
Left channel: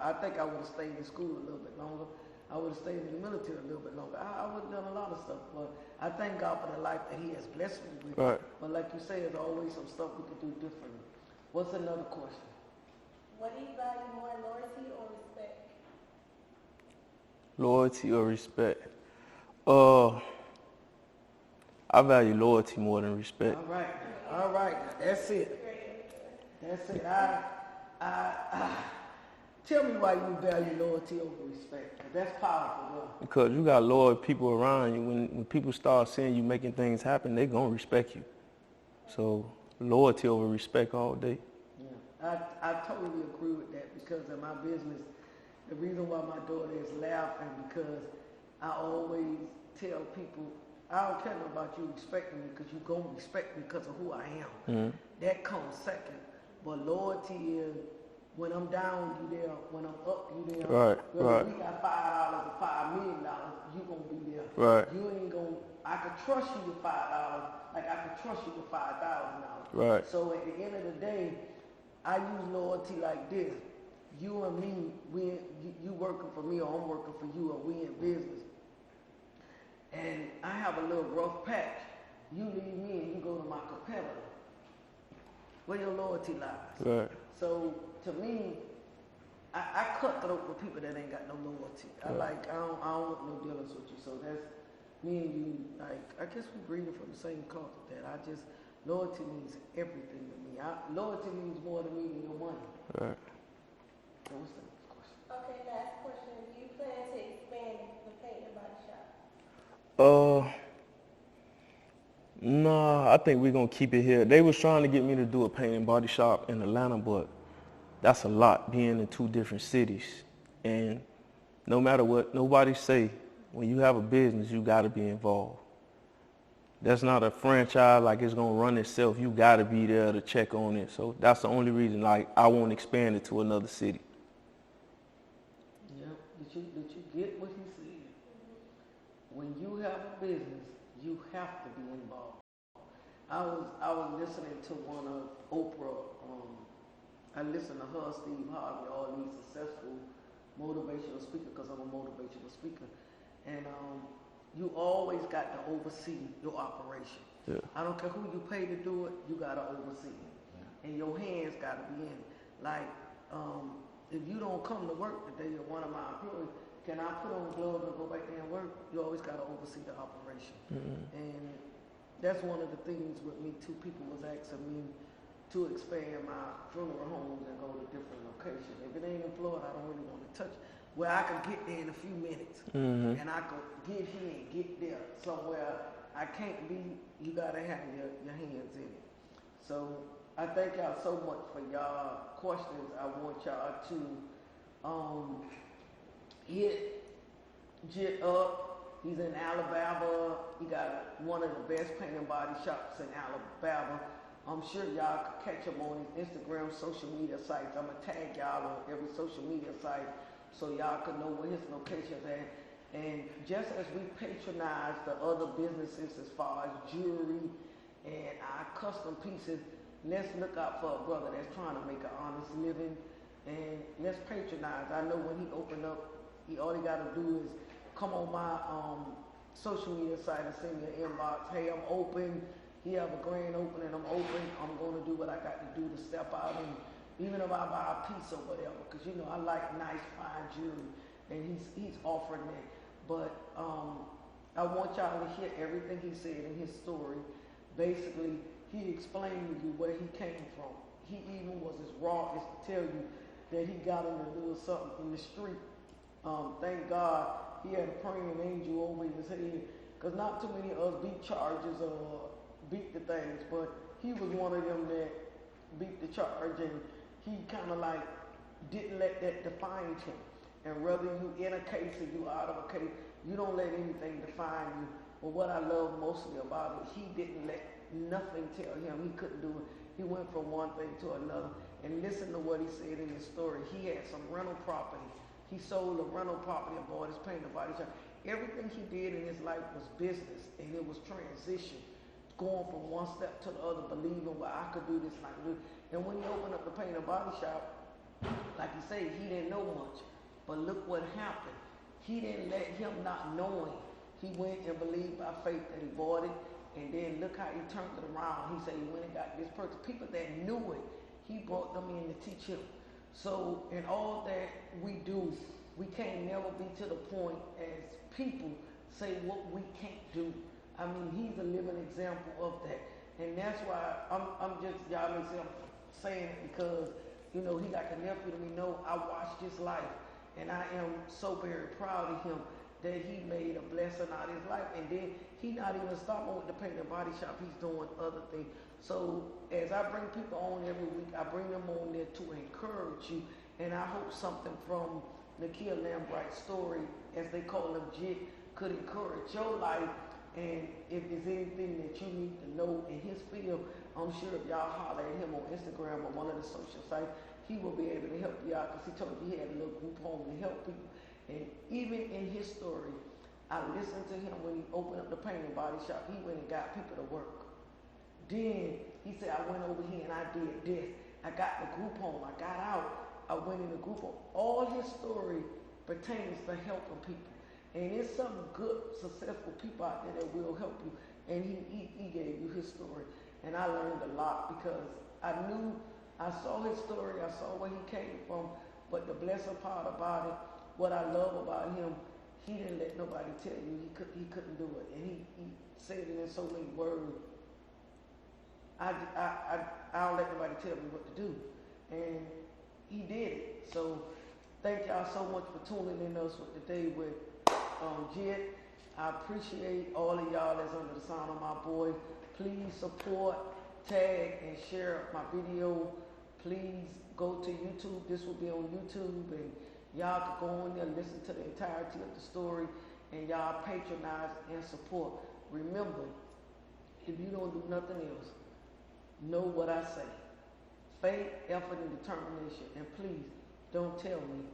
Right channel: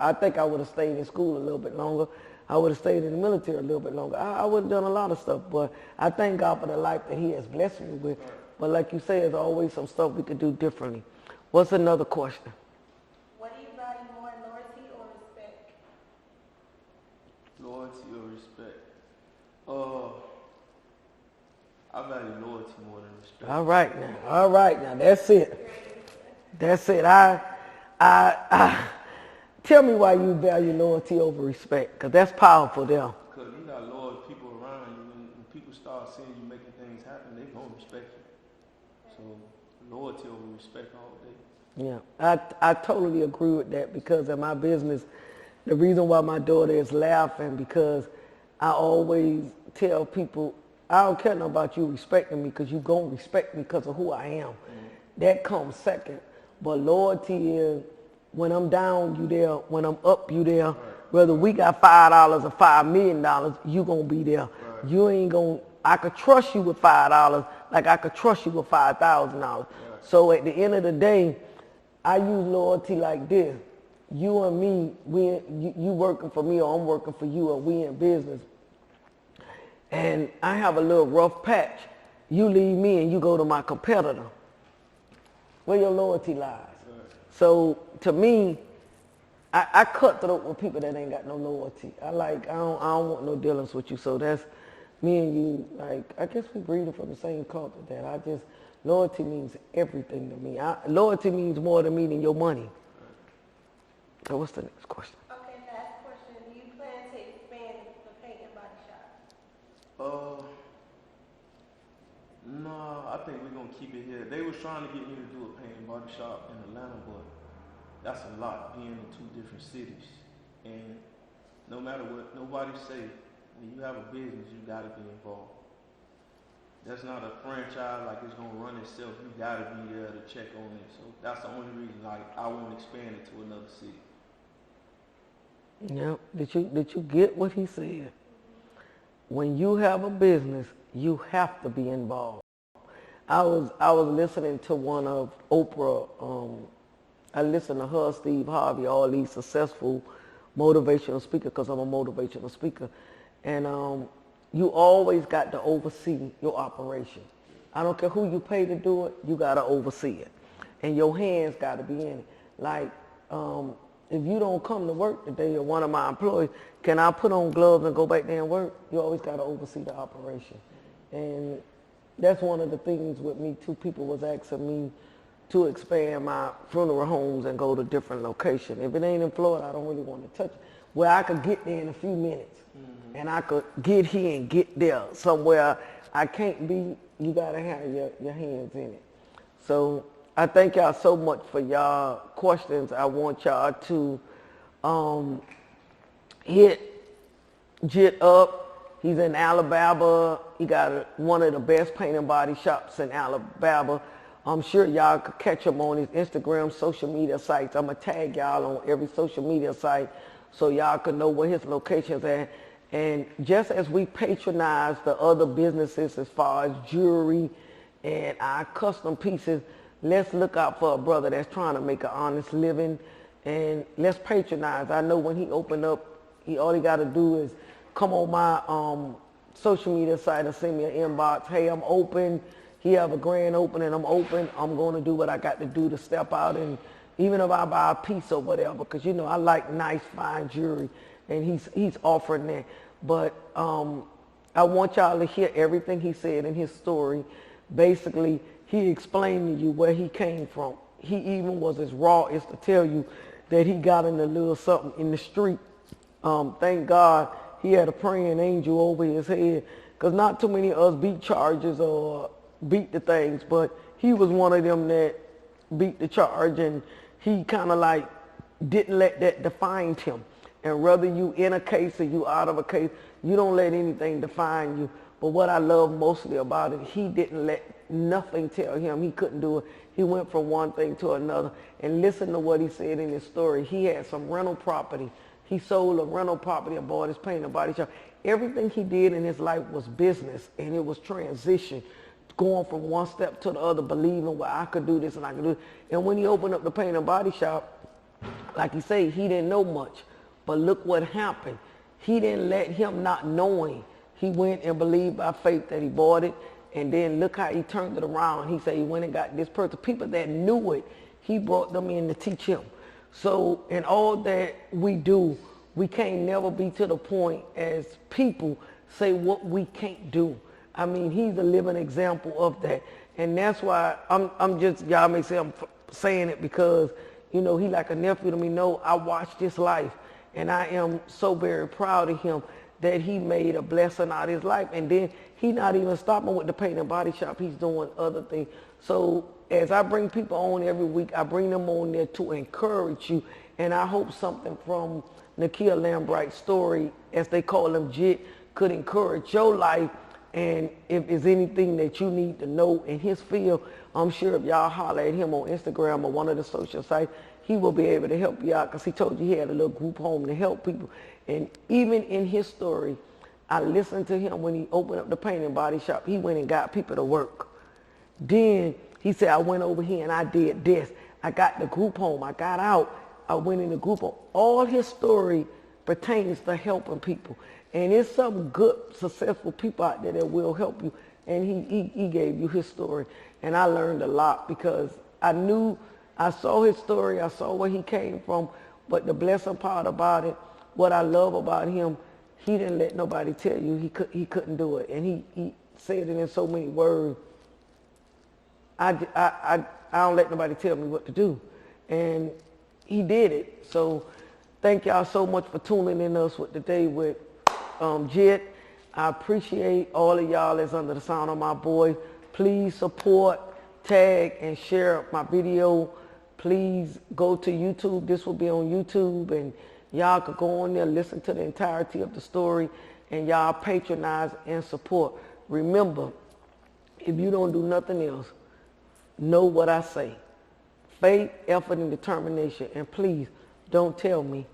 I think I would have stayed in school a little bit longer. I would have stayed in the military a little bit longer. I would have done a lot of stuff, but I thank God for the life that he has blessed me with. Right. But like you say, there's always some stuff we could do differently. What's another question? What do you value more, loyalty or respect? Loyalty or respect? I value loyalty more than respect. All right now, that's it. That's it. Tell me why you value loyalty over respect, because that's powerful there. Because you got loyal people around you. When people start seeing you making things happen, they gonna respect you. So loyalty over respect all day. Yeah, I totally agree with that, because in my business, the reason why my daughter is laughing, because I always tell people, I don't care nothing about you respecting me, because you going to respect me because of who I am. Mm-hmm. That comes second. But loyalty is, when I'm down, you there. When I'm up, you there. Right, Whether we got $5 or $5 million, you going to be there. Right. You ain't going to, I could trust you with $5 like I could trust you with $5,000. Right. So at the end of the day, I use loyalty like this. You and me, you working for me, or I'm working for you, or we in business. And I have a little rough patch. You leave me and you go to my competitor. Where your loyalty lies. Right. So to me, I cut throat with people that ain't got no loyalty. I don't want no dealings with you. So that's me and you. Like, I guess we breathing from the same culture. Loyalty means everything to me. Loyalty means more to me than your money. Right. So what's the next question? Okay, last question. Do you plan to expand the paint and body shop? Nah, I think we're gonna keep it here. They was trying to get me to do a paint and body shop in Atlanta, but that's a lot, being in 2 different cities. And no matter what nobody say, when you have a business, you gotta be involved. That's not a franchise like it's gonna run itself. You gotta be there to check on it. So that's the only reason, like, I won't expand it to another city. Yeah. Did you get what he said? When you have a business, you have to be involved. I was listening to one of Oprah. I listened to her, Steve Harvey, all these successful motivational speakers, because I'm a motivational speaker, and you always got to oversee your operation. Yeah. I don't care who you pay to do it, you got to oversee it. And your hands got to be in it. Like, if you don't come to work today, or one of my employees, can I put on gloves and go back there and work? You always got to oversee the operation. Mm-hmm. And that's one of the things with me too. People was asking me to expand my funeral homes and go to different locations. If it ain't in Florida, I don't really want to touch it. Where I could get there in a few minutes, mm-hmm. and I could get here and get there. Somewhere I can't be, you got to have your hands in it. So I thank y'all so much for y'all questions. I want y'all to hit Jit up. He's in Alabama. He got one of the best paint and body shops in Alabama. I'm sure y'all could catch him on his Instagram, social media sites. I'm going to tag y'all on every social media site so y'all can know where his location's at. And just as we patronize the other businesses as far as jewelry and our custom pieces, let's look out for a brother that's trying to make an honest living, and let's patronize. I know when he opened up, all he got to do is come on my social media site and send me an inbox. Hey, I'm open. He have a grand opening. I'm open. I'm going to do what I got to do to step out, and even if I buy a piece or whatever, because you know I like nice, fine jewelry, and he's offering that. But I want y'all to hear everything he said in his story. Basically, he explained to you where he came from. He even was as raw as to tell you that he got in a little something in the street. Thank God he had a praying angel over his head, because not too many of us beat charges or beat the things, but he was one of them that beat the charge, and he kind of like didn't let that define him. And whether you in a case or you out of a case, you don't let anything define you. But what I love mostly about it, he didn't let nothing tell him he couldn't do it. He went from one thing to another. And listen to what he said in his story. He had some rental property. He sold a rental property and bought his paint and body shop. Everything he did in his life was business, and it was transition, going from one step to the other, believing, well, I could do this and I could do it. And when he opened up the paint and body shop, like he said, he didn't know much. But look what happened. He didn't let him not knowing. He went and believed by faith that he bought it. And then look how he turned it around. He said he went and got this person. People that knew it, he brought them in to teach him. So in all that we do, we can't never be to the point as people say what we can't do. I mean, he's a living example of that. And that's why I'm just, y'all may say I'm saying it because, you know, he like a nephew to me. No, I watched his life, and I am so very proud of him that he made a blessing out of his life. And then he not even stopping with the paint and body shop. He's doing other things. So as I bring people on every week, I bring them on there to encourage you. And I hope something from Nakia Lambright's story, as they call him, Jit, could encourage your life. And if there's anything that you need to know in his field, I'm sure if y'all holler at him on Instagram or one of the social sites, he will be able to help you out, because he told you he had a little group home to help people. And even in his story, I listened to him when he opened up the paint and body shop. He went and got people to work. Then he said, I went over here and I did this. I got the group home. I got out. I went in the group home. All his story pertains to helping people. And there's some good, successful people out there that will help you. And he gave you his story. And I learned a lot because I saw his story. I saw where he came from. But the blessing part about it, what I love about him, he didn't let nobody tell you he couldn't do it. And he said it in so many words. I don't let nobody tell me what to do. And he did it. So thank y'all so much for tuning in us with today with Jit. I appreciate all of y'all that's under the sound of my voice. Please support, tag, and share my video. Please go to YouTube. This will be on YouTube, and y'all could go on there, listen to the entirety of the story, and y'all patronize and support. Remember, if you don't do nothing else, know what I say. Faith, effort, and determination. And please, don't tell me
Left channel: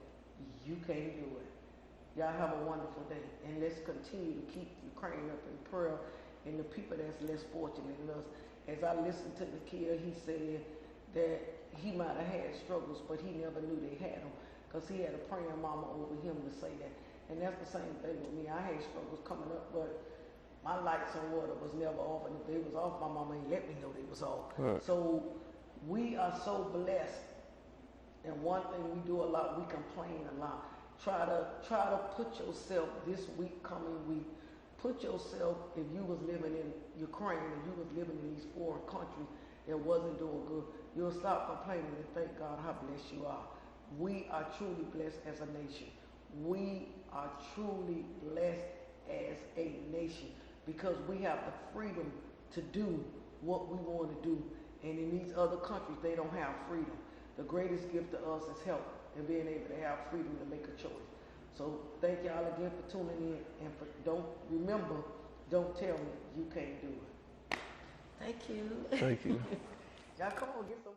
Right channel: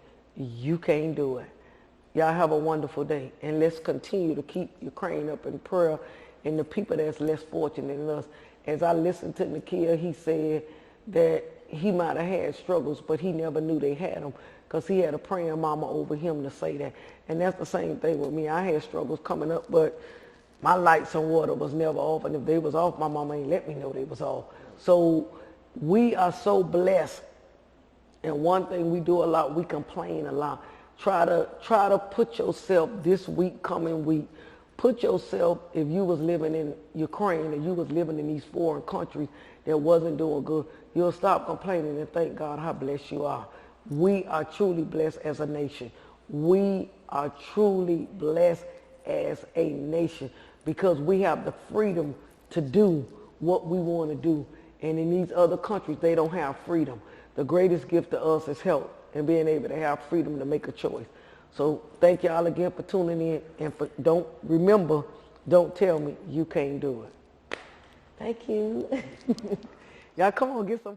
you can't do it. Y'all have a wonderful day. And let's continue to keep Ukraine up in prayer and the people that's less fortunate than us. As I listened to Nakia, he said that he might have had struggles, but he never knew they had them because he had a praying mama over him to say that. And that's the same thing with me. I had struggles coming up, but my lights and water was never off. And if they was off, my mama ain't let me know they was off. Right. So we are so blessed. And one thing we do a lot, we complain a lot. Try to put yourself this week, coming week, put yourself, if you was living in Ukraine and you was living in these foreign countries that wasn't doing good, you'll stop complaining and thank God how blessed you are. We are truly blessed as a nation. We are truly blessed as a nation because we have the freedom to do what we want to do. And in these other countries, they don't have freedom. The greatest gift to us is health and being able to have freedom to make a choice. So thank y'all again for tuning in. And don't tell me you can't do it. Thank you. Thank you. Y'all come on, get some.